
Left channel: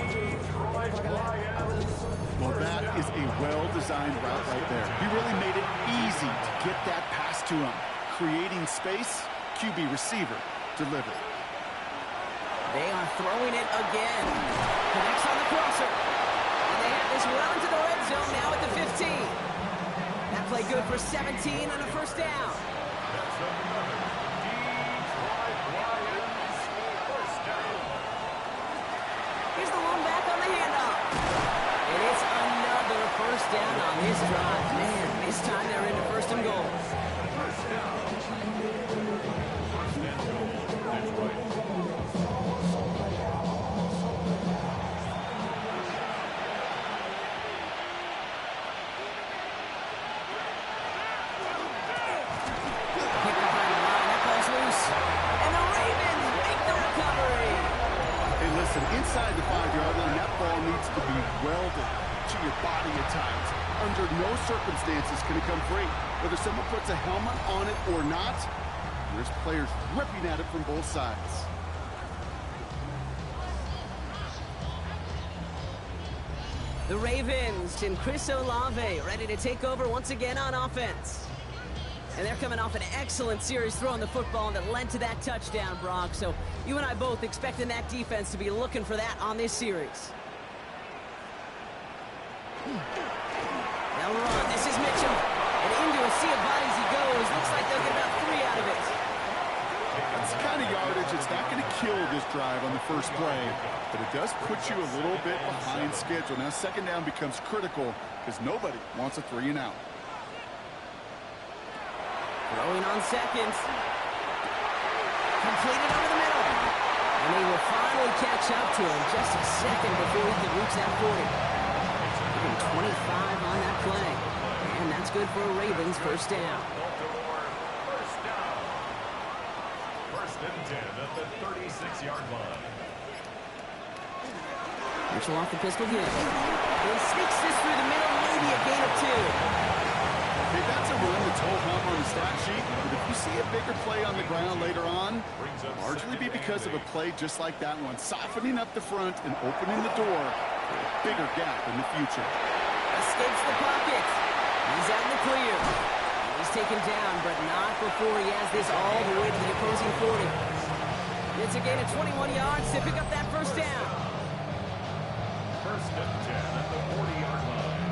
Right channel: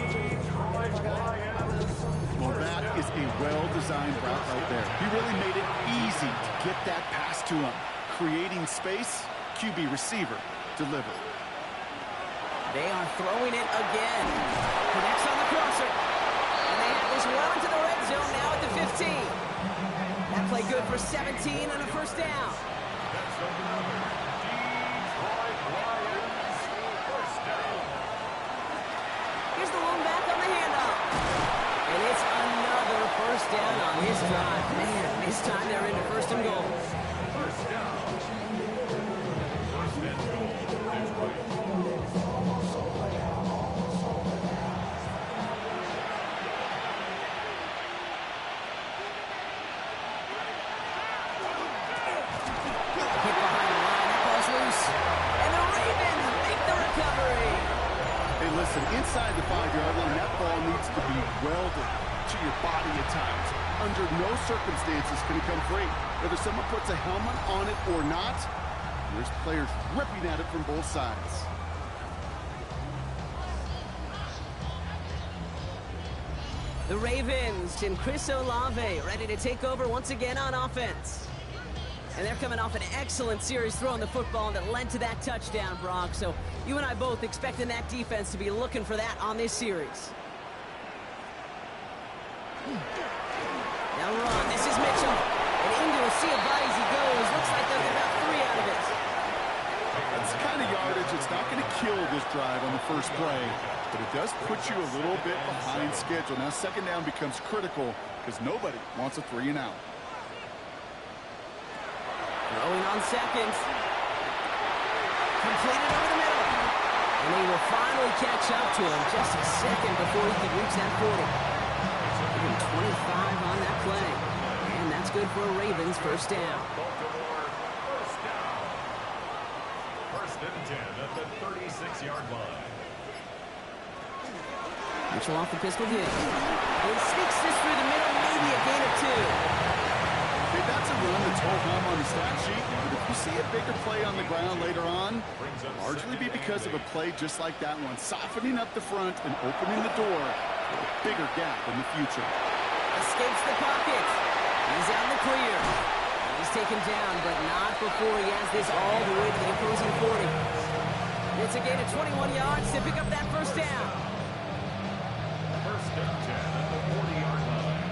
Detroit Lions. Well, that is a well-designed route right there. He really made it easy to get that pass to him. Creating space, QB receiver, deliver. They are throwing it again. Connects on the crosser. And they have this well into the red zone now at the 15. That play good for 17 and a 1st down. That's another Detroit Lions first down. Here's the lone back on the handoff. And it's another 1st down on this drive. Man, this time they're into 1st and goal. First down. 1st and goal. Detroit. Hit behind the line. That ball's loose. And the Ravens make the recovery. Listen, inside the 5-yard line, that ball needs to be welded to your body at times. Under no circumstances can it come free. Whether someone puts a helmet on it or not, there's players ripping at it from both sides. The Ravens and Chris Olave ready to take over once again on offense. And they're coming off an excellent series throwing the football that led to that touchdown, Brock. So you and I both expecting that defense to be looking for that on this series. Now run. This is Mitchell. And into a sea of bodies he goes. Looks like they'll get about 3 out of it. That's the kind of yardage. It's not going to kill this drive on the first play, but it does put you a little bit behind schedule. Now second down becomes critical because nobody wants a 3-and-out. Throwing on second. Completed over the middle. And they will finally catch up to him just a second before he could reach that 40. Even 25 on that play. And that's good for a Ravens first down. First and 10 at the 36-yard line. Mitchell off the pistol game. He sneaks this through the middle, maybe a gain of 2. Hey, that's a run that's ho-hum on the stat sheet, but if you see a bigger play on the ground later on, largely be because of a play just like that one, softening up the front and opening the door for a bigger gap in the future. Escapes the pocket. He's out in the clear. He's taken down, but not before he has this all the way to the opposing 40. It's a gain of 21 yards to pick up that first down. First and 10 at the 40-yard line.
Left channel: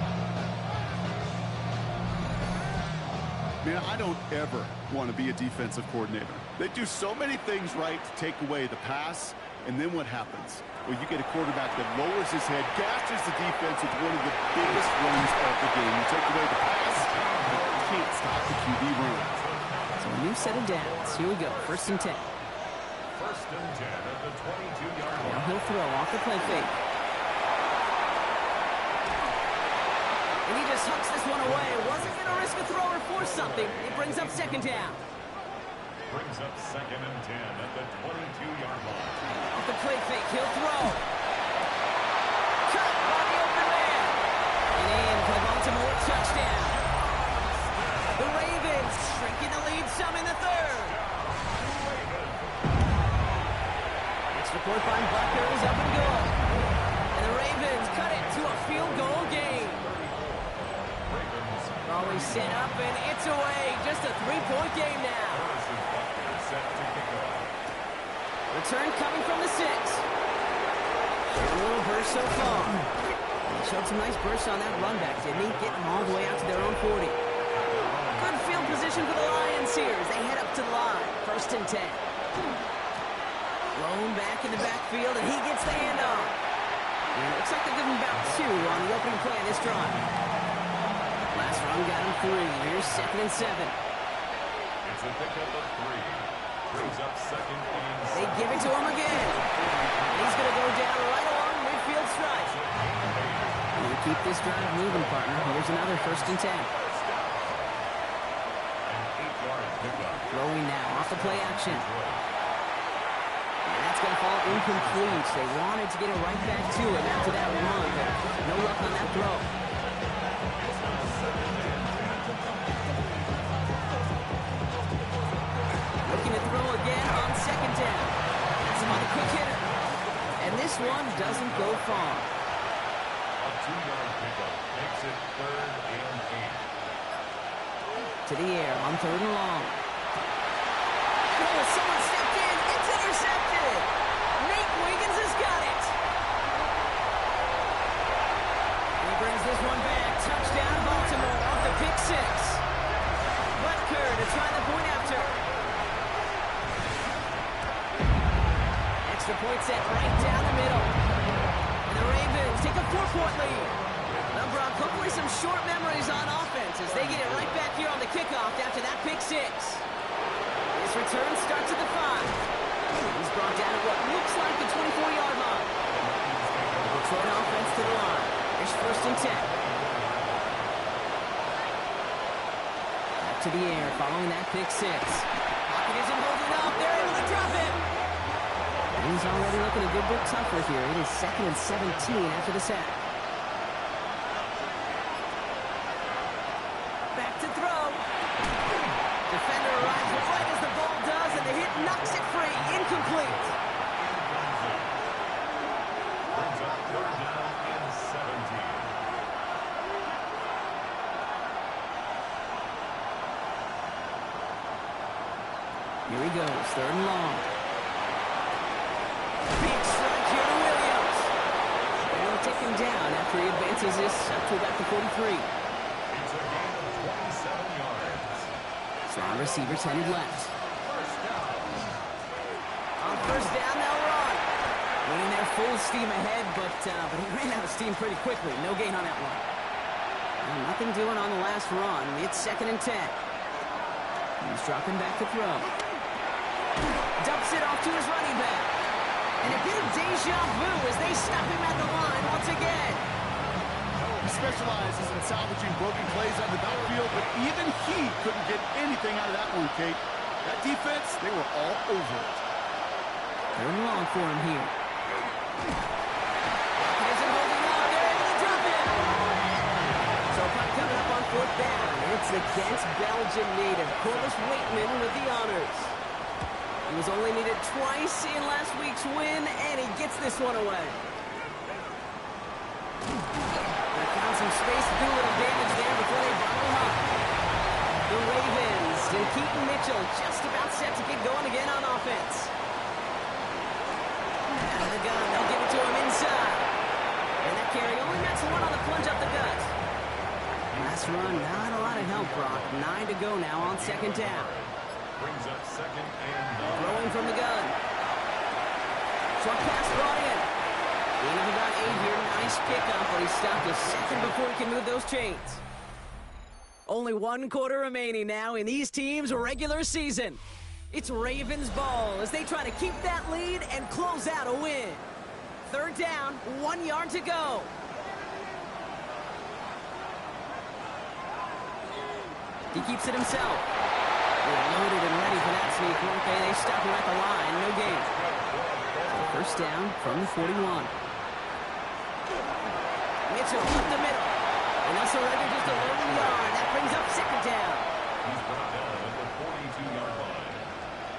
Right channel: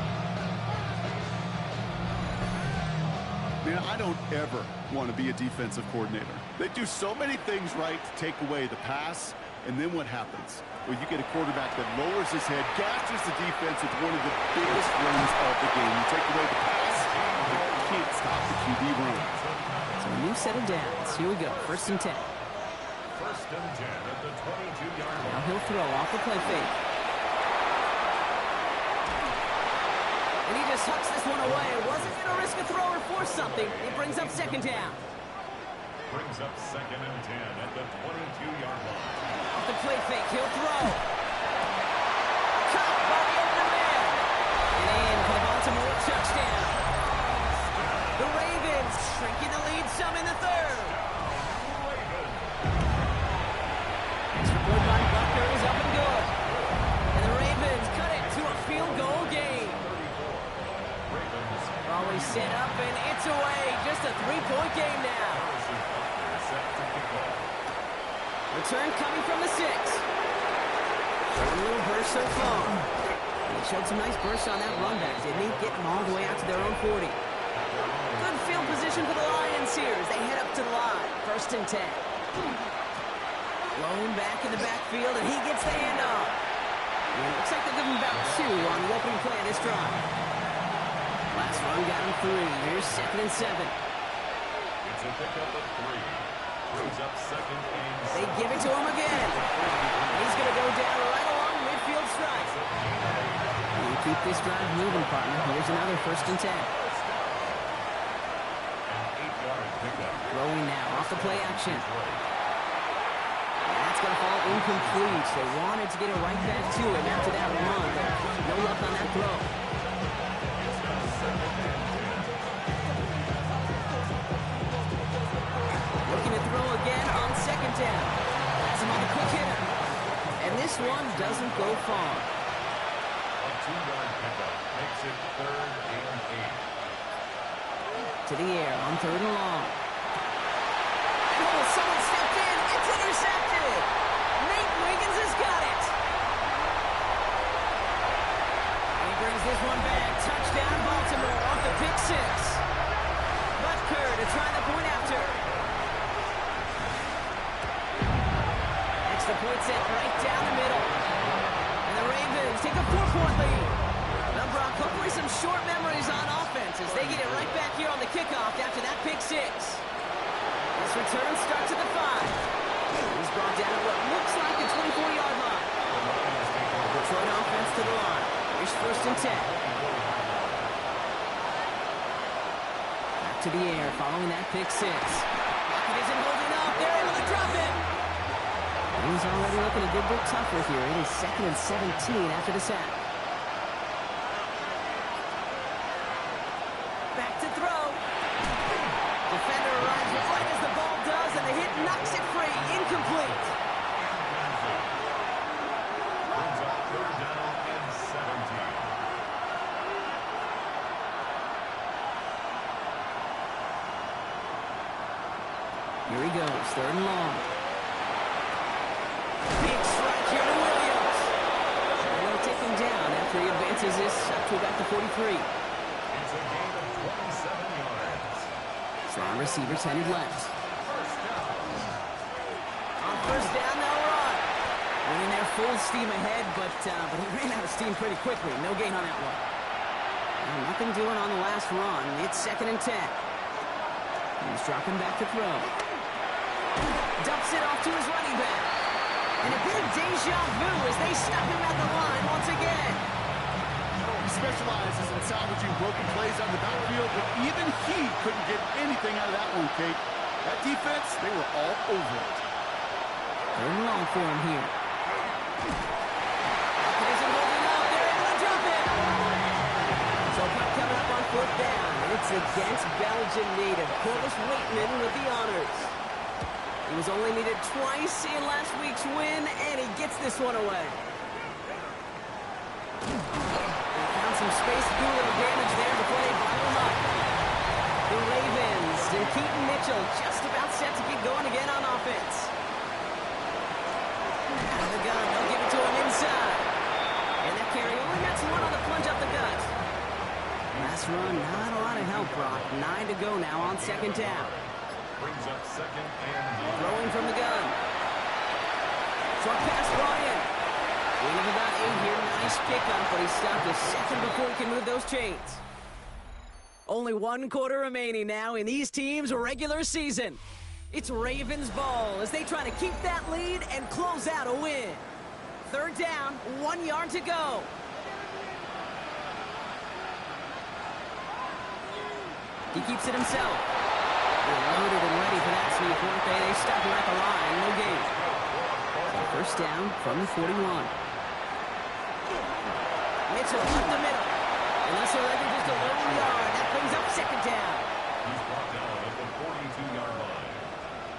Man, I don't ever want to be a defensive coordinator. They do so many things right to take away the pass, and then what happens? Well, you get a quarterback that lowers his head, gashes the defense with one of the biggest runs of the game. You take away the pass, but you can't stop the QB run. So a new set of downs. Here we go, first and 10. First and 10 at the 22-yard line. Now he'll throw off the play fake. And he just hucks this one away. Wasn't going to risk a throw or force something. It brings up second down. Brings up second and 10 at the 22-yard line. Off the play fake, he'll throw. Caught by the open man. And in for the Baltimore touchdown. The Ravens shrinking the lead some in the third. Extra point by Bucker is up and good. And the Ravens cut it to a field goal game. Always set up and it's away. Just a 3-point game now. Return coming from the 6. Showing a little burst so far. And he showed some nice bursts on that run back, didn't he? Getting them all the way out to their own 40. Good field position for the Lions here as they head up to the line. First and 10. Blown back in the backfield and he gets the handoff. And it looks like they'll give him about 2 on the opening play of this drive. Last run got him 3. Here's second and 7. It's a pickup of 3. Brings up second and 7. They give it to him again. And he's going to go down right along midfield strike. And you keep this drive moving, partner. Here's another first and 10. An 8-yard pickup. Throwing now off the play action. And that's going to fall incomplete. They wanted to get it right back to him after that run, but no luck on that throw. Looking to throw again on second down. That's him on the quick hitter. And this one doesn't go far. A 2-yard pickup makes it third and 8. To the air on third and long. And oh, someone stepped in. It's intercepted. Nate Wiggins has got it. And he brings this one back. Touchdown Baltimore off the pick 6. Butker to try the point after. Extra point set right down the middle. And the Ravens take a 4-point lead. Now, Brock, hopefully some short memories on offense as they get it right back here on the kickoff after that pick 6. This return starts at the 5. He's brought down at what looks like the 24-yard line. The Detroit offense to the line. Here's first and 10. Back to the air following that pick 6. Lockett isn't holding up. They're able to drop it. He's already looking a good bit tougher here. It is 2nd and 17 after the sack. Back to throw. Defender arrives right as the ball does, and the hit knocks it free. Incomplete. Brings up 3rd down and 17. Here he goes, 3rd and long. Big strike here to Williams. And they'll take him down after he advances this up to about the 43. It's a gain of 27 yards. Strong receivers headed left. First down. On 1st down, they'll run. Winning their full steam ahead, but he ran out of steam pretty quickly. No gain on that one. Well, nothing doing on the last run. It's 2nd and 10. He's dropping back to throw. Dumps it off to his running back. And a bit of deja vu as they stop him at the line once again. He specializes in salvaging broken plays out of the backfield, but even he couldn't get anything out of that one, Kate. That defense, they were all over it. 3rd and long for him here. Pocket isn't holding up. They're able to drop it. So punt coming up on 4th down. It's against Belgian native Corliss Waitman with the honors. He was only needed twice in last week's win, and he gets this one away. They found some space to do a little damage there before they bottle him up. The Ravens and Keaton Mitchell just about set to get going again on offense. Out of the gun, they'll give it to him inside. And that carry only nets one on the plunge up the gut. Last run, not a lot of help, Brock. 9 to go now on 2nd down. Brings up 2nd and 9. Throwing from the gun. Short pass brought in. Gain of about 8 here. Nice pickup, but he stopped a second before he can move those chains. Only 1 quarter remaining now in these teams' regular season. It's Ravens ball as they try to keep that lead and close out a win. 3rd down, 1 yard to go. He keeps it himself. They're loaded and ready for that sneak, weren't they? They stop him at the line. No gain. So 1st down from the 41. Mitchell up the middle. And they'll surrender just a lone yard. That brings up 2nd down. He's brought down at the 42-yard line.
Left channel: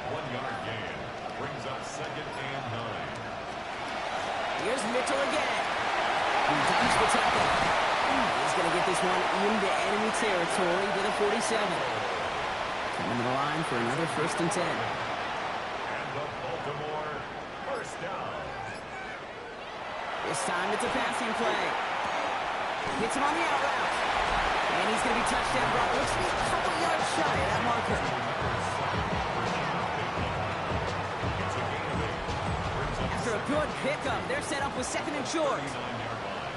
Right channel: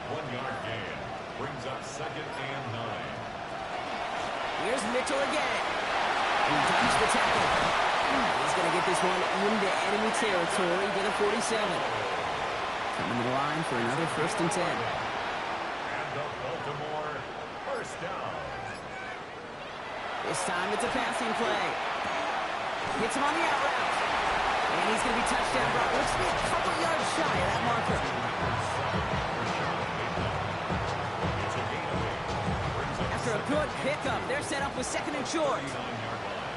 1 yard gain. Brings up 2nd and 9. Here's Mitchell again. He dodged the tackle. He's going to get this one into enemy territory with a 47. Coming to the line for another 1st and 10. And the Baltimore 1st down. This time it's a passing play. Hits him on the out route. And he's going to be touchdown. Brock looks to be a couple yards shy of that marker. It's a gain of 8. Brings up After a good pickup, they're set up with 2nd and short. 39-yard line.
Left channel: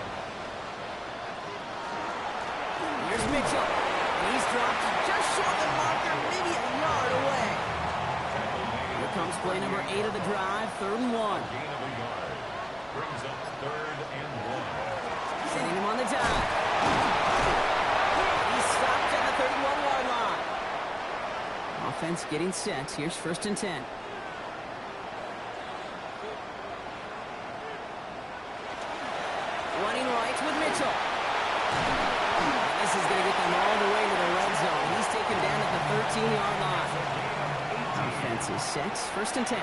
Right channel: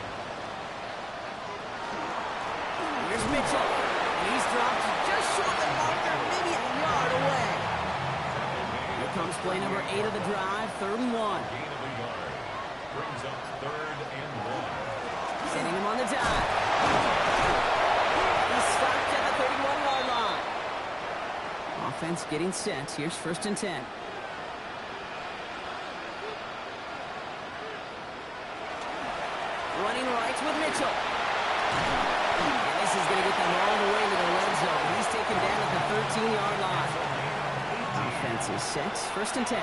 Here's Mitchell. And he's dropped just short of the marker, maybe a yard away. Here comes play number 8 of the drive, 3rd and 1. Gain of a yard. Brings up 3rd and 1. Sending him on the dive. He's stopped at the 31-yard line. Offense getting set. Here's 1st and 10. Running right with Mitchell. And this is going to get them all the way to the red zone. He's taken down at the 13-yard line. Offense is set. 1st and 10.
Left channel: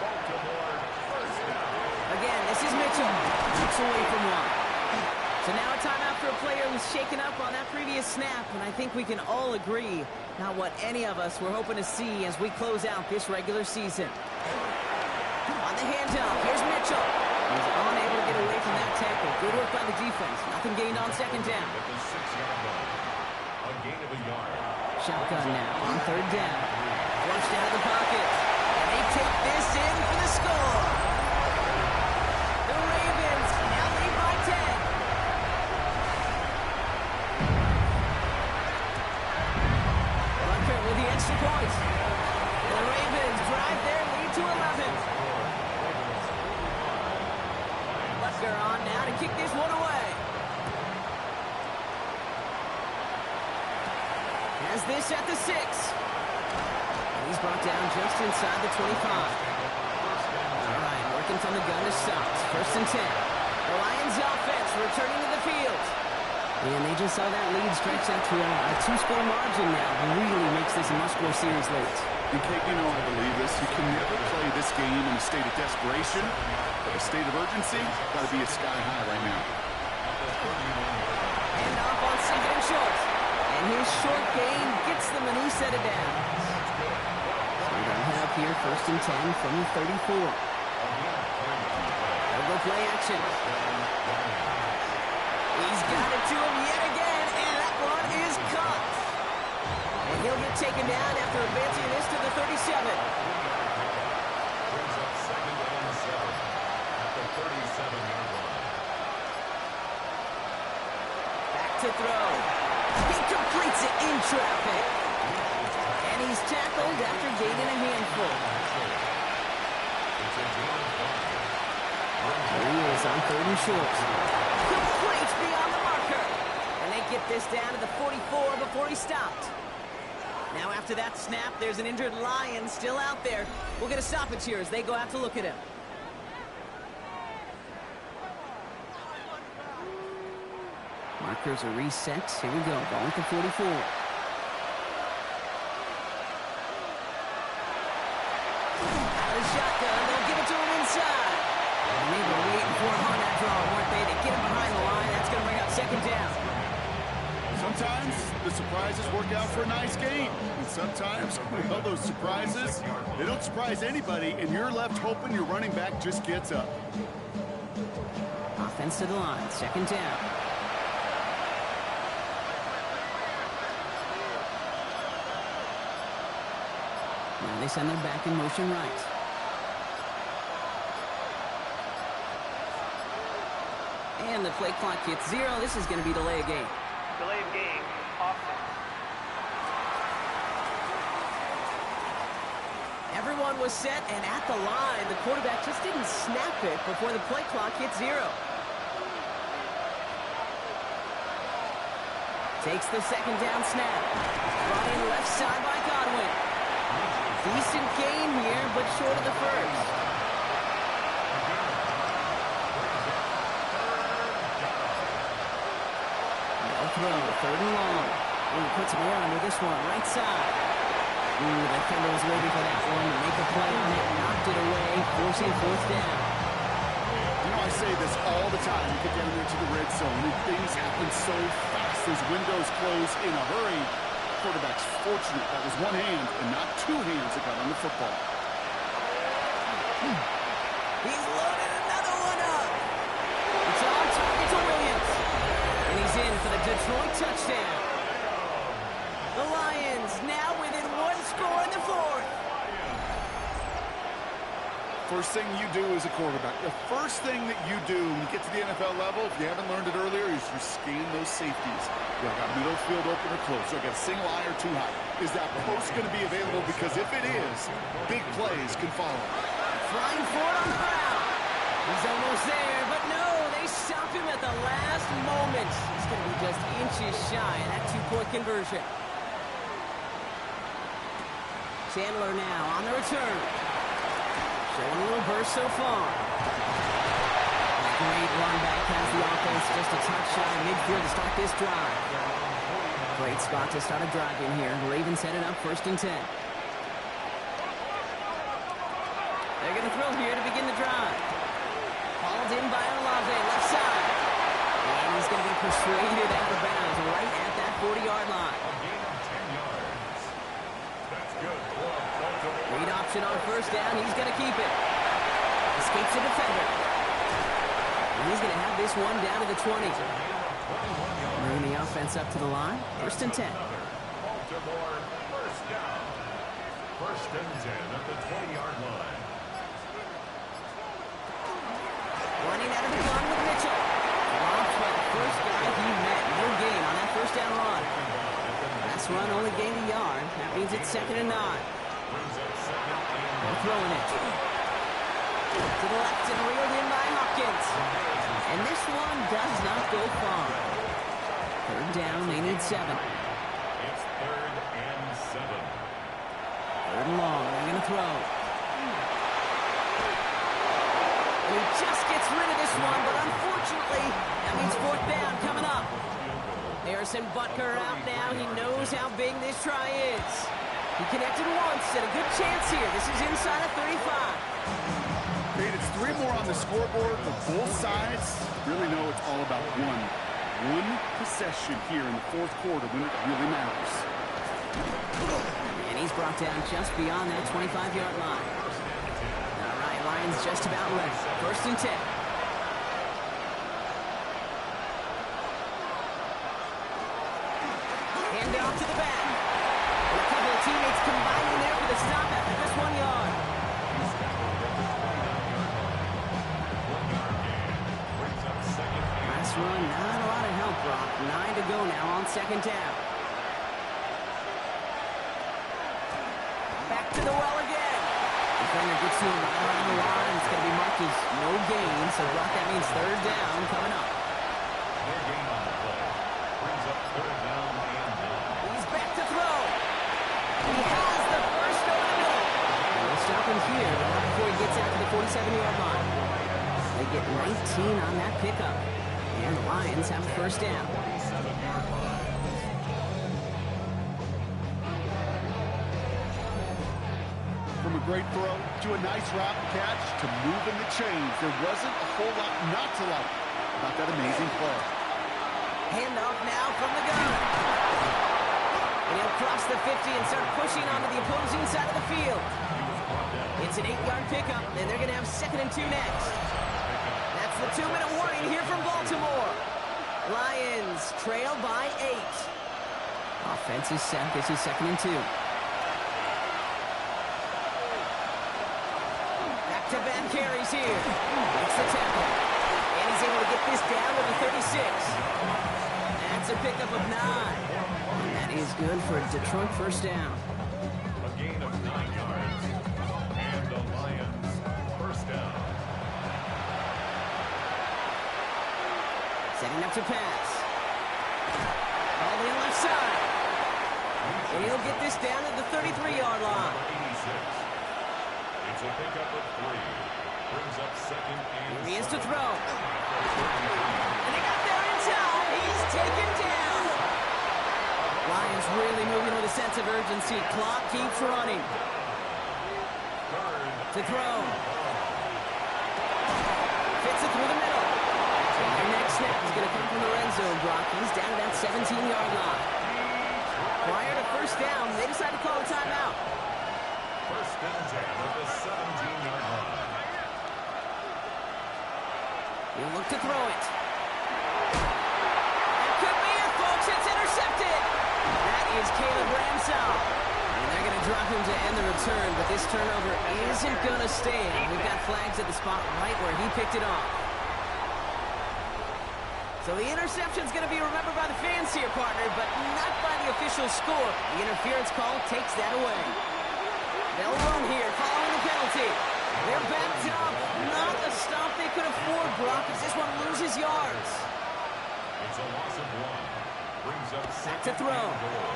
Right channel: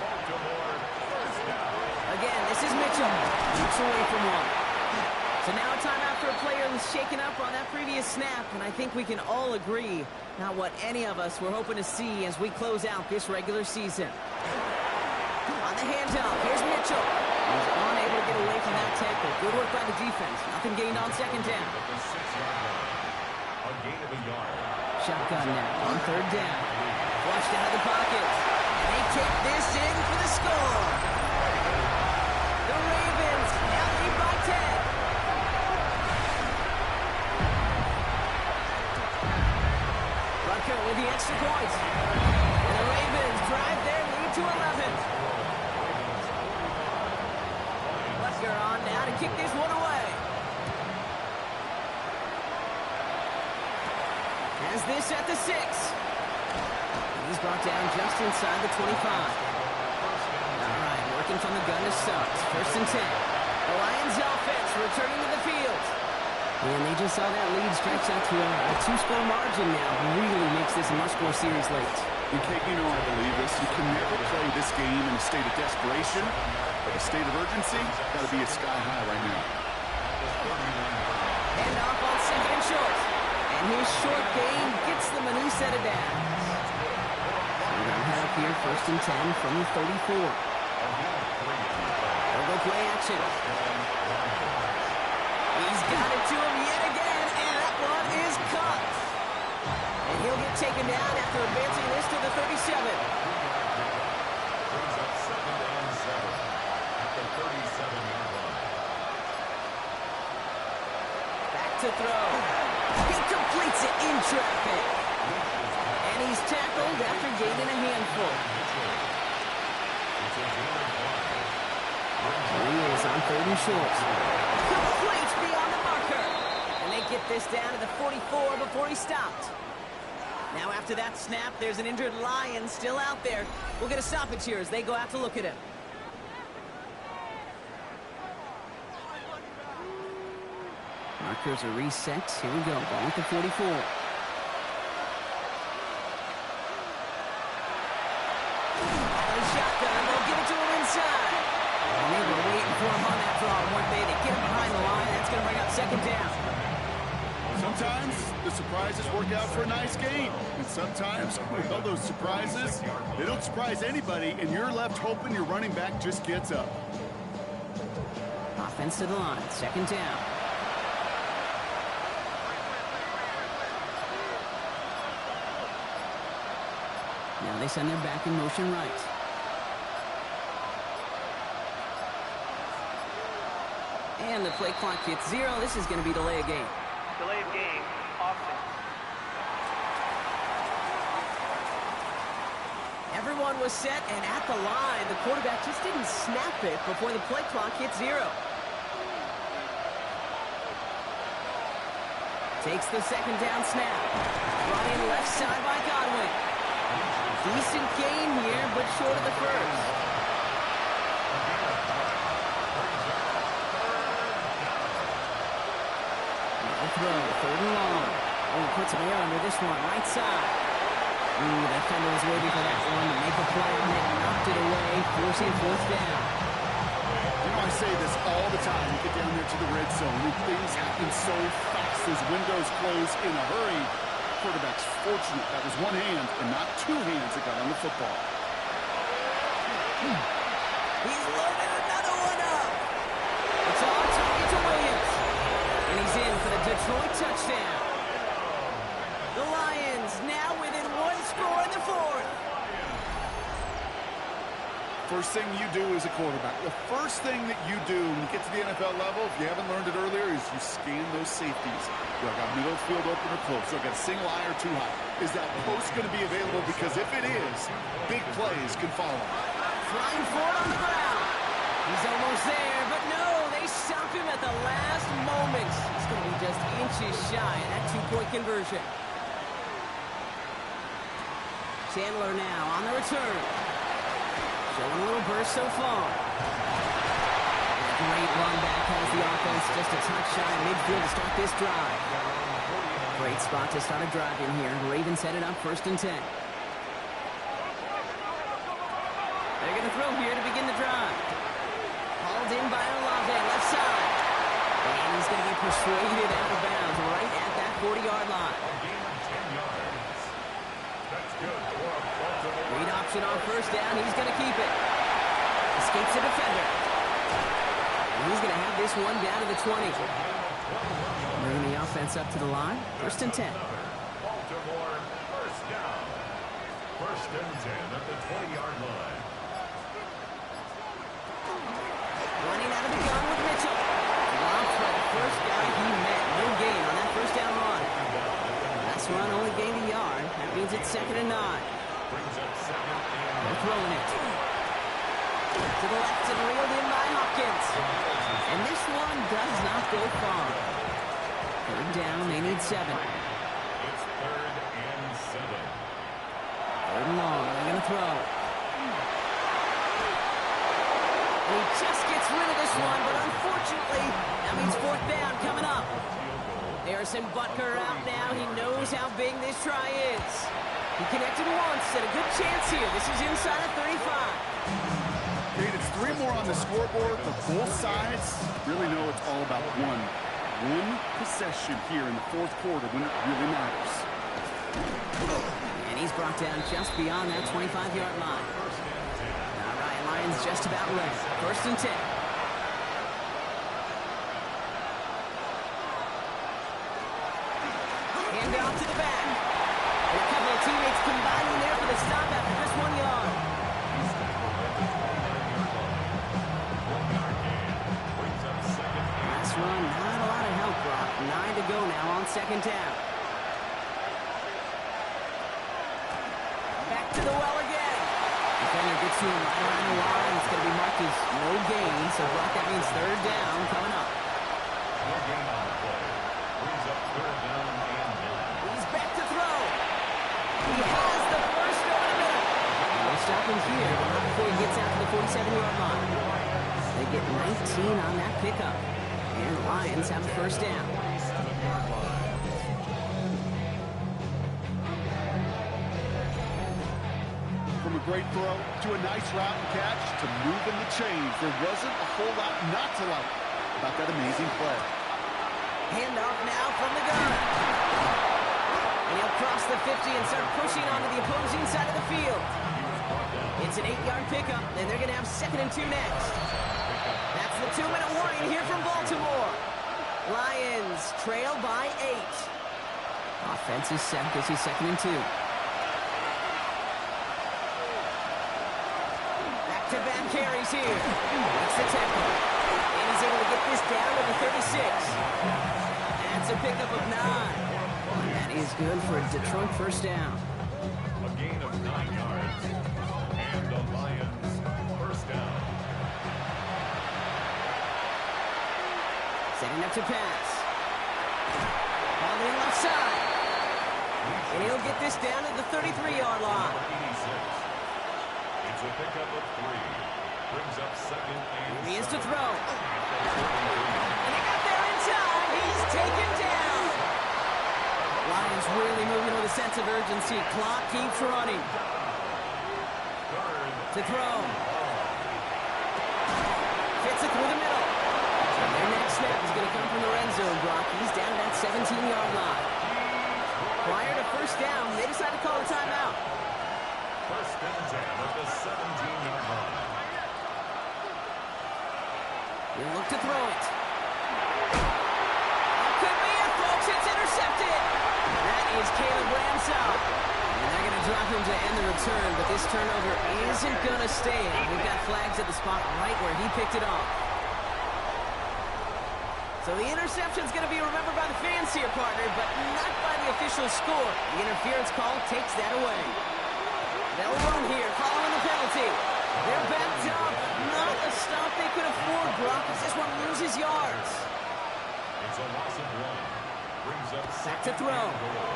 Baltimore 1st down. Again, this is Mitchell. Keeps away from one. So now a timeout for a player who's shaken up on that previous snap, and I think we can all agree not what any of us were hoping to see as we close out this regular season. On the handoff, here's Mitchell. He's unable to get away from that tackle. Good work by the defense. Nothing gained on 2nd down. At the 6-yard line. A gain of a yard. Shotgun now on 3rd down. Flushed out of the pocket. And they take this in for the score. The Ravens now lead by 10. Rucker with the extra point. And the Ravens drive their lead to 11. Rucker on now to kick this one away. Has this at the 6. And he's brought down just inside the 25. Working from the gun to Suggs. 1st and 10. The Lions offense returning to the field. And they just saw that lead stretch out to a 2-score margin now. Really makes this a must-score series late. And Kate, you know I believe this. You can never play this game in a state of desperation, but a state of urgency got to be a sky high right now. And off on 2nd and short. And his short gain gets them a new set of downs. So they'll head up here 1st and 10 from the 34. They'll go play action. He's got it to him yet again, and that one is caught. And he'll get taken down after advancing this to the 37. Brings up 2nd and 7 at the 37-yard line. Back to throw. He completes it in traffic. And he's tackled after gaining a handful. It's a gain of 5. There he is on 3rd and short. Complete beyond the marker. And they get this down to the 44 before he stopped. Now after that snap, there's an injured Lion still out there. We'll get a stoppage here as they go out to look at him. Markers are reset. Here we go. Ball at the 44. Out of the shotgun. They'll give it to him inside. And they were waiting for him on that draw, weren't they? They get him behind the line. That's going to bring up 2nd down. Sometimes the surprises work out for a nice game. And sometimes, well, those surprises, they don't surprise anybody, and you're left hoping your running back just gets up. Offense to the line. 2nd down. Now they send their back in motion right. And the play clock hits 0. This is going to be delay of game. Delay of game, offense. Everyone was set and at the line. The quarterback just didn't snap it before the play clock hit 0. Takes the 2nd down snap. Brought in left side by Godwin. Decent gain here, but short of the 1st. Throw, 3rd and long. Oh, he puts more under this one, right side. Ooh, the defender was waiting for that one to make a play on it, knocked it away, forcing 4th down. You know, I say this all the time. You get down there to the red zone, and things happen so fast. Those windows close in a hurry. Quarterback's fortunate that was one hand and not 2 hands that got on the football. He's loaded another one up. It's on target to Williams. And he's in for the Detroit touchdown. The Lions now within 1 score in the 4th. First thing you do as a quarterback, the first thing that you do when you get to the NFL level, if you haven't learned it earlier, is you scan those safeties. Do I got middle field open or close? Do I got a single eye or too high? Is that post going to be available? Because if it is, big plays can follow. Flying forward on the ground. He's almost there, but no, they stop him at the last moment. He's going to be just inches shy of that 2-point conversion. Chandler now on the return. Showing a little burst so far. And a great run back has the offense just a touch shy of midfield to start this drive. Great spot to start a drive in here. Ravens headed up 1st and 10. They're going to throw here to begin the drive. Hauled in by Olave, left side. And he's going to be persuaded out of bounds right at that 40-yard line. A gain of 10 yards. That's good for a Baltimore. Read option on 1st down. He's going to keep it. Escapes the defender. And he's going to have this one down to the 20. Bringing the offense up to the line. 1st and 10. Baltimore 1st down. 1st and 10 at the 20-yard line. Running out of the gun with Mitchell. Dropped by the first guy he met. No gain on that 1st down run. Last run only gained a yard. That means it's 2nd and 9. Brings up 2nd and 9. They're throwing it. To the left and reeled in by Hopkins. And this one does not go far. 3rd down, they need 7. It's 3rd and 7. 3rd and long, they're going to throw. And he just gets rid of this one, but unfortunately, that means fourth down coming up. Harrison Butker out now. He knows how big this try is. He connected once, and a good chance here. This is inside of 35. Okay, it's 3 more on the scoreboard, but both sides really know it's all about one possession here in the fourth quarter when it really matters. And he's brought down just beyond that 25-yard line. All right, Lions just about ready. 1st and 10. Hand off to the back. And a couple of teammates combining there for the stop after just 1 yard. He's tackled at the 29-yard line. 1-yard gain. Brings up second and Last run, not a lot of help, Brock. 9 to go now on 2nd down. Back to the well again. Defender gets to him right around the line. It's going to be marked as no gain. So, Brock, that means 3rd down coming up. no gain on the play. Brings up 3rd down and 9. He's back to throw. He has the first over the middle. And they'll stop him here, but not before he gets out to the 47-yard line. They get 19 on that pickup. And the Lions have a 1st down. 47-yard line. From a great throw to a nice route and catch to moving the chains, there wasn't a whole lot not to like about that amazing play. Handoff now from the gun. And he'll cross the 50 and start pushing onto the opposing side of the field. It's an 8-yard pickup, and they're going to have 2nd and 2 next. That's the 2-minute warning here from Baltimore. Lions trail by 8. Offense is set. This is 2nd and 2. Back-to-back carries here. Makes the tackle. And he's able to get this down to the 36. That's a pickup of 9. That is good for a Detroit 1st down. A gain of 9 yards. And the Lions 1st down. Setting up to pass. Called in left side. And he'll get this down to the 33-yard line. Number 86. It's a pickup of 3. Brings up 2nd and Here he is to 7. throw. And they got there in time. He's taken down. Lions really moving with a sense of urgency. Clock keeps running. 3rd To throw. Fits it through the middle. And their next snap is going to come from the red zone, Brock. He's down to that 17-yard line. Prior to 1st down, they decide to call a timeout. 1st and 10 at the 17-yard line. He'll look to throw it. That could be it, folks. It's intercepted. That is Caleb Ramsell. And they're going to drop him to end the return, but this turnover isn't going to stand. We've got flags at the spot right where he picked it off. So the interception's going to be remembered by the fans here, partner, but not by the official score. The interference call takes that away. They'll run here following the penalty. They're backed up. Not a stop they could afford, Brock, as this one loses yards. It's a loss of 1. Brings up Back to 2nd throw. and goal.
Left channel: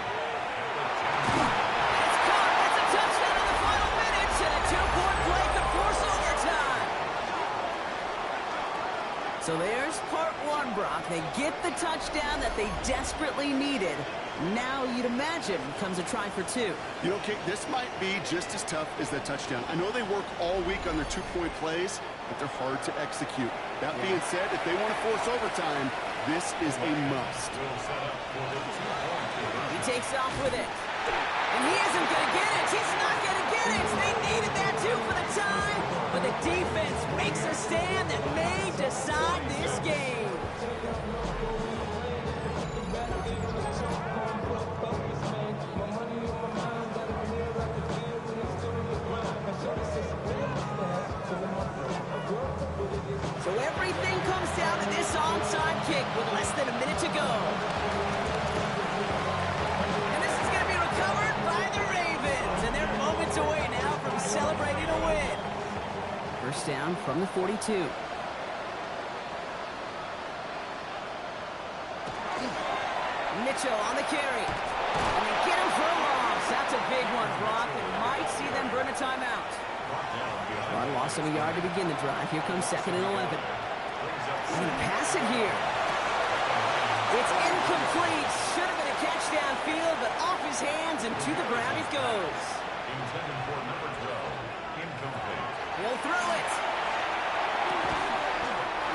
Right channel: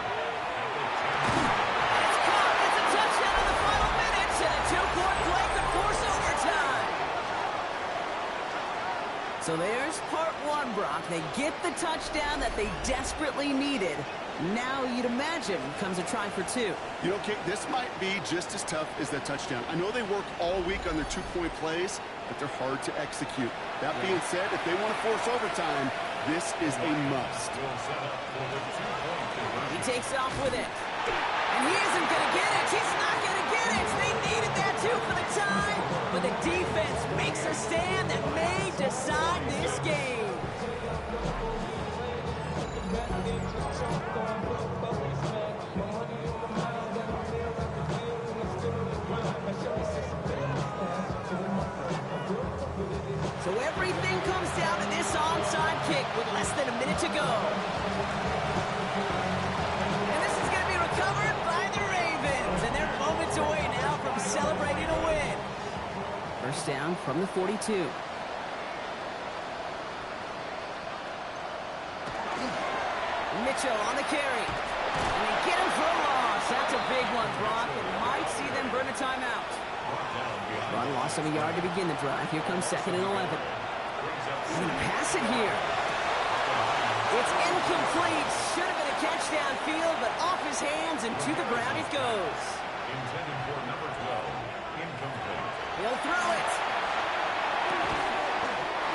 At the 10. And it's caught. It's a touchdown in the final minutes, and a 2-point play could force overtime. So there's part 1, Brock. They get the touchdown that they desperately needed. Now, you'd imagine, comes a try for 2. You know, Kate, this might be just as tough as that touchdown. I know they work all week on their 2-point plays, but they're hard to execute. That being said, if they want to force overtime, this is a must. Will set up for the 2-point conversion. He takes off with it. And he isn't going to get it. He's not going to get it. They needed that, too, for the tie. But the defense makes a stand that may decide this game. So everything comes down to this onside kick with less than a minute to go. And this is going to be recovered by the Ravens. And they're moments away now from celebrating a win. 1st down from the 42. Mitchell on the carry. And they get him for a loss. That's a big one, Brock. And might see them burn a timeout. Rod lost him a yard to begin the drive. Here comes 2nd and 11. He's going to pass it here. It's incomplete. Should have been a catch downfield, but off his hands and to the ground it goes. Intended for number 12. Incomplete. He'll throw it.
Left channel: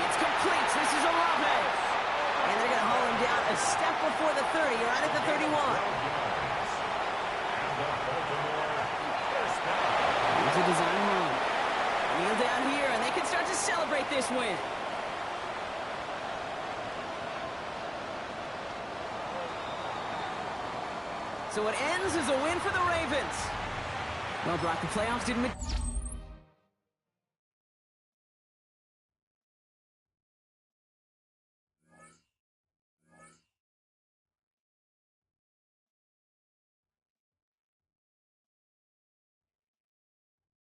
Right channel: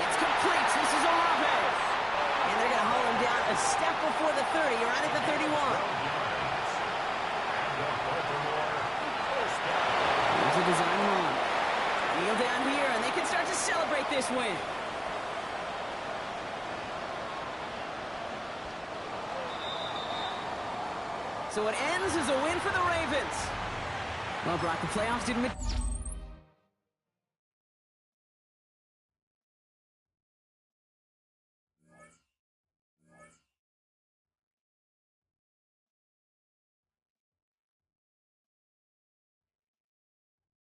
It's complete. This is Olave. And they're going to haul him down a step before the 30, right at the 31. And the Baltimore first down. Here's a design run. Kneel down here, and they can start to celebrate this win. So it ends as a win for the Ravens. Well, Brock, the playoffs didn't...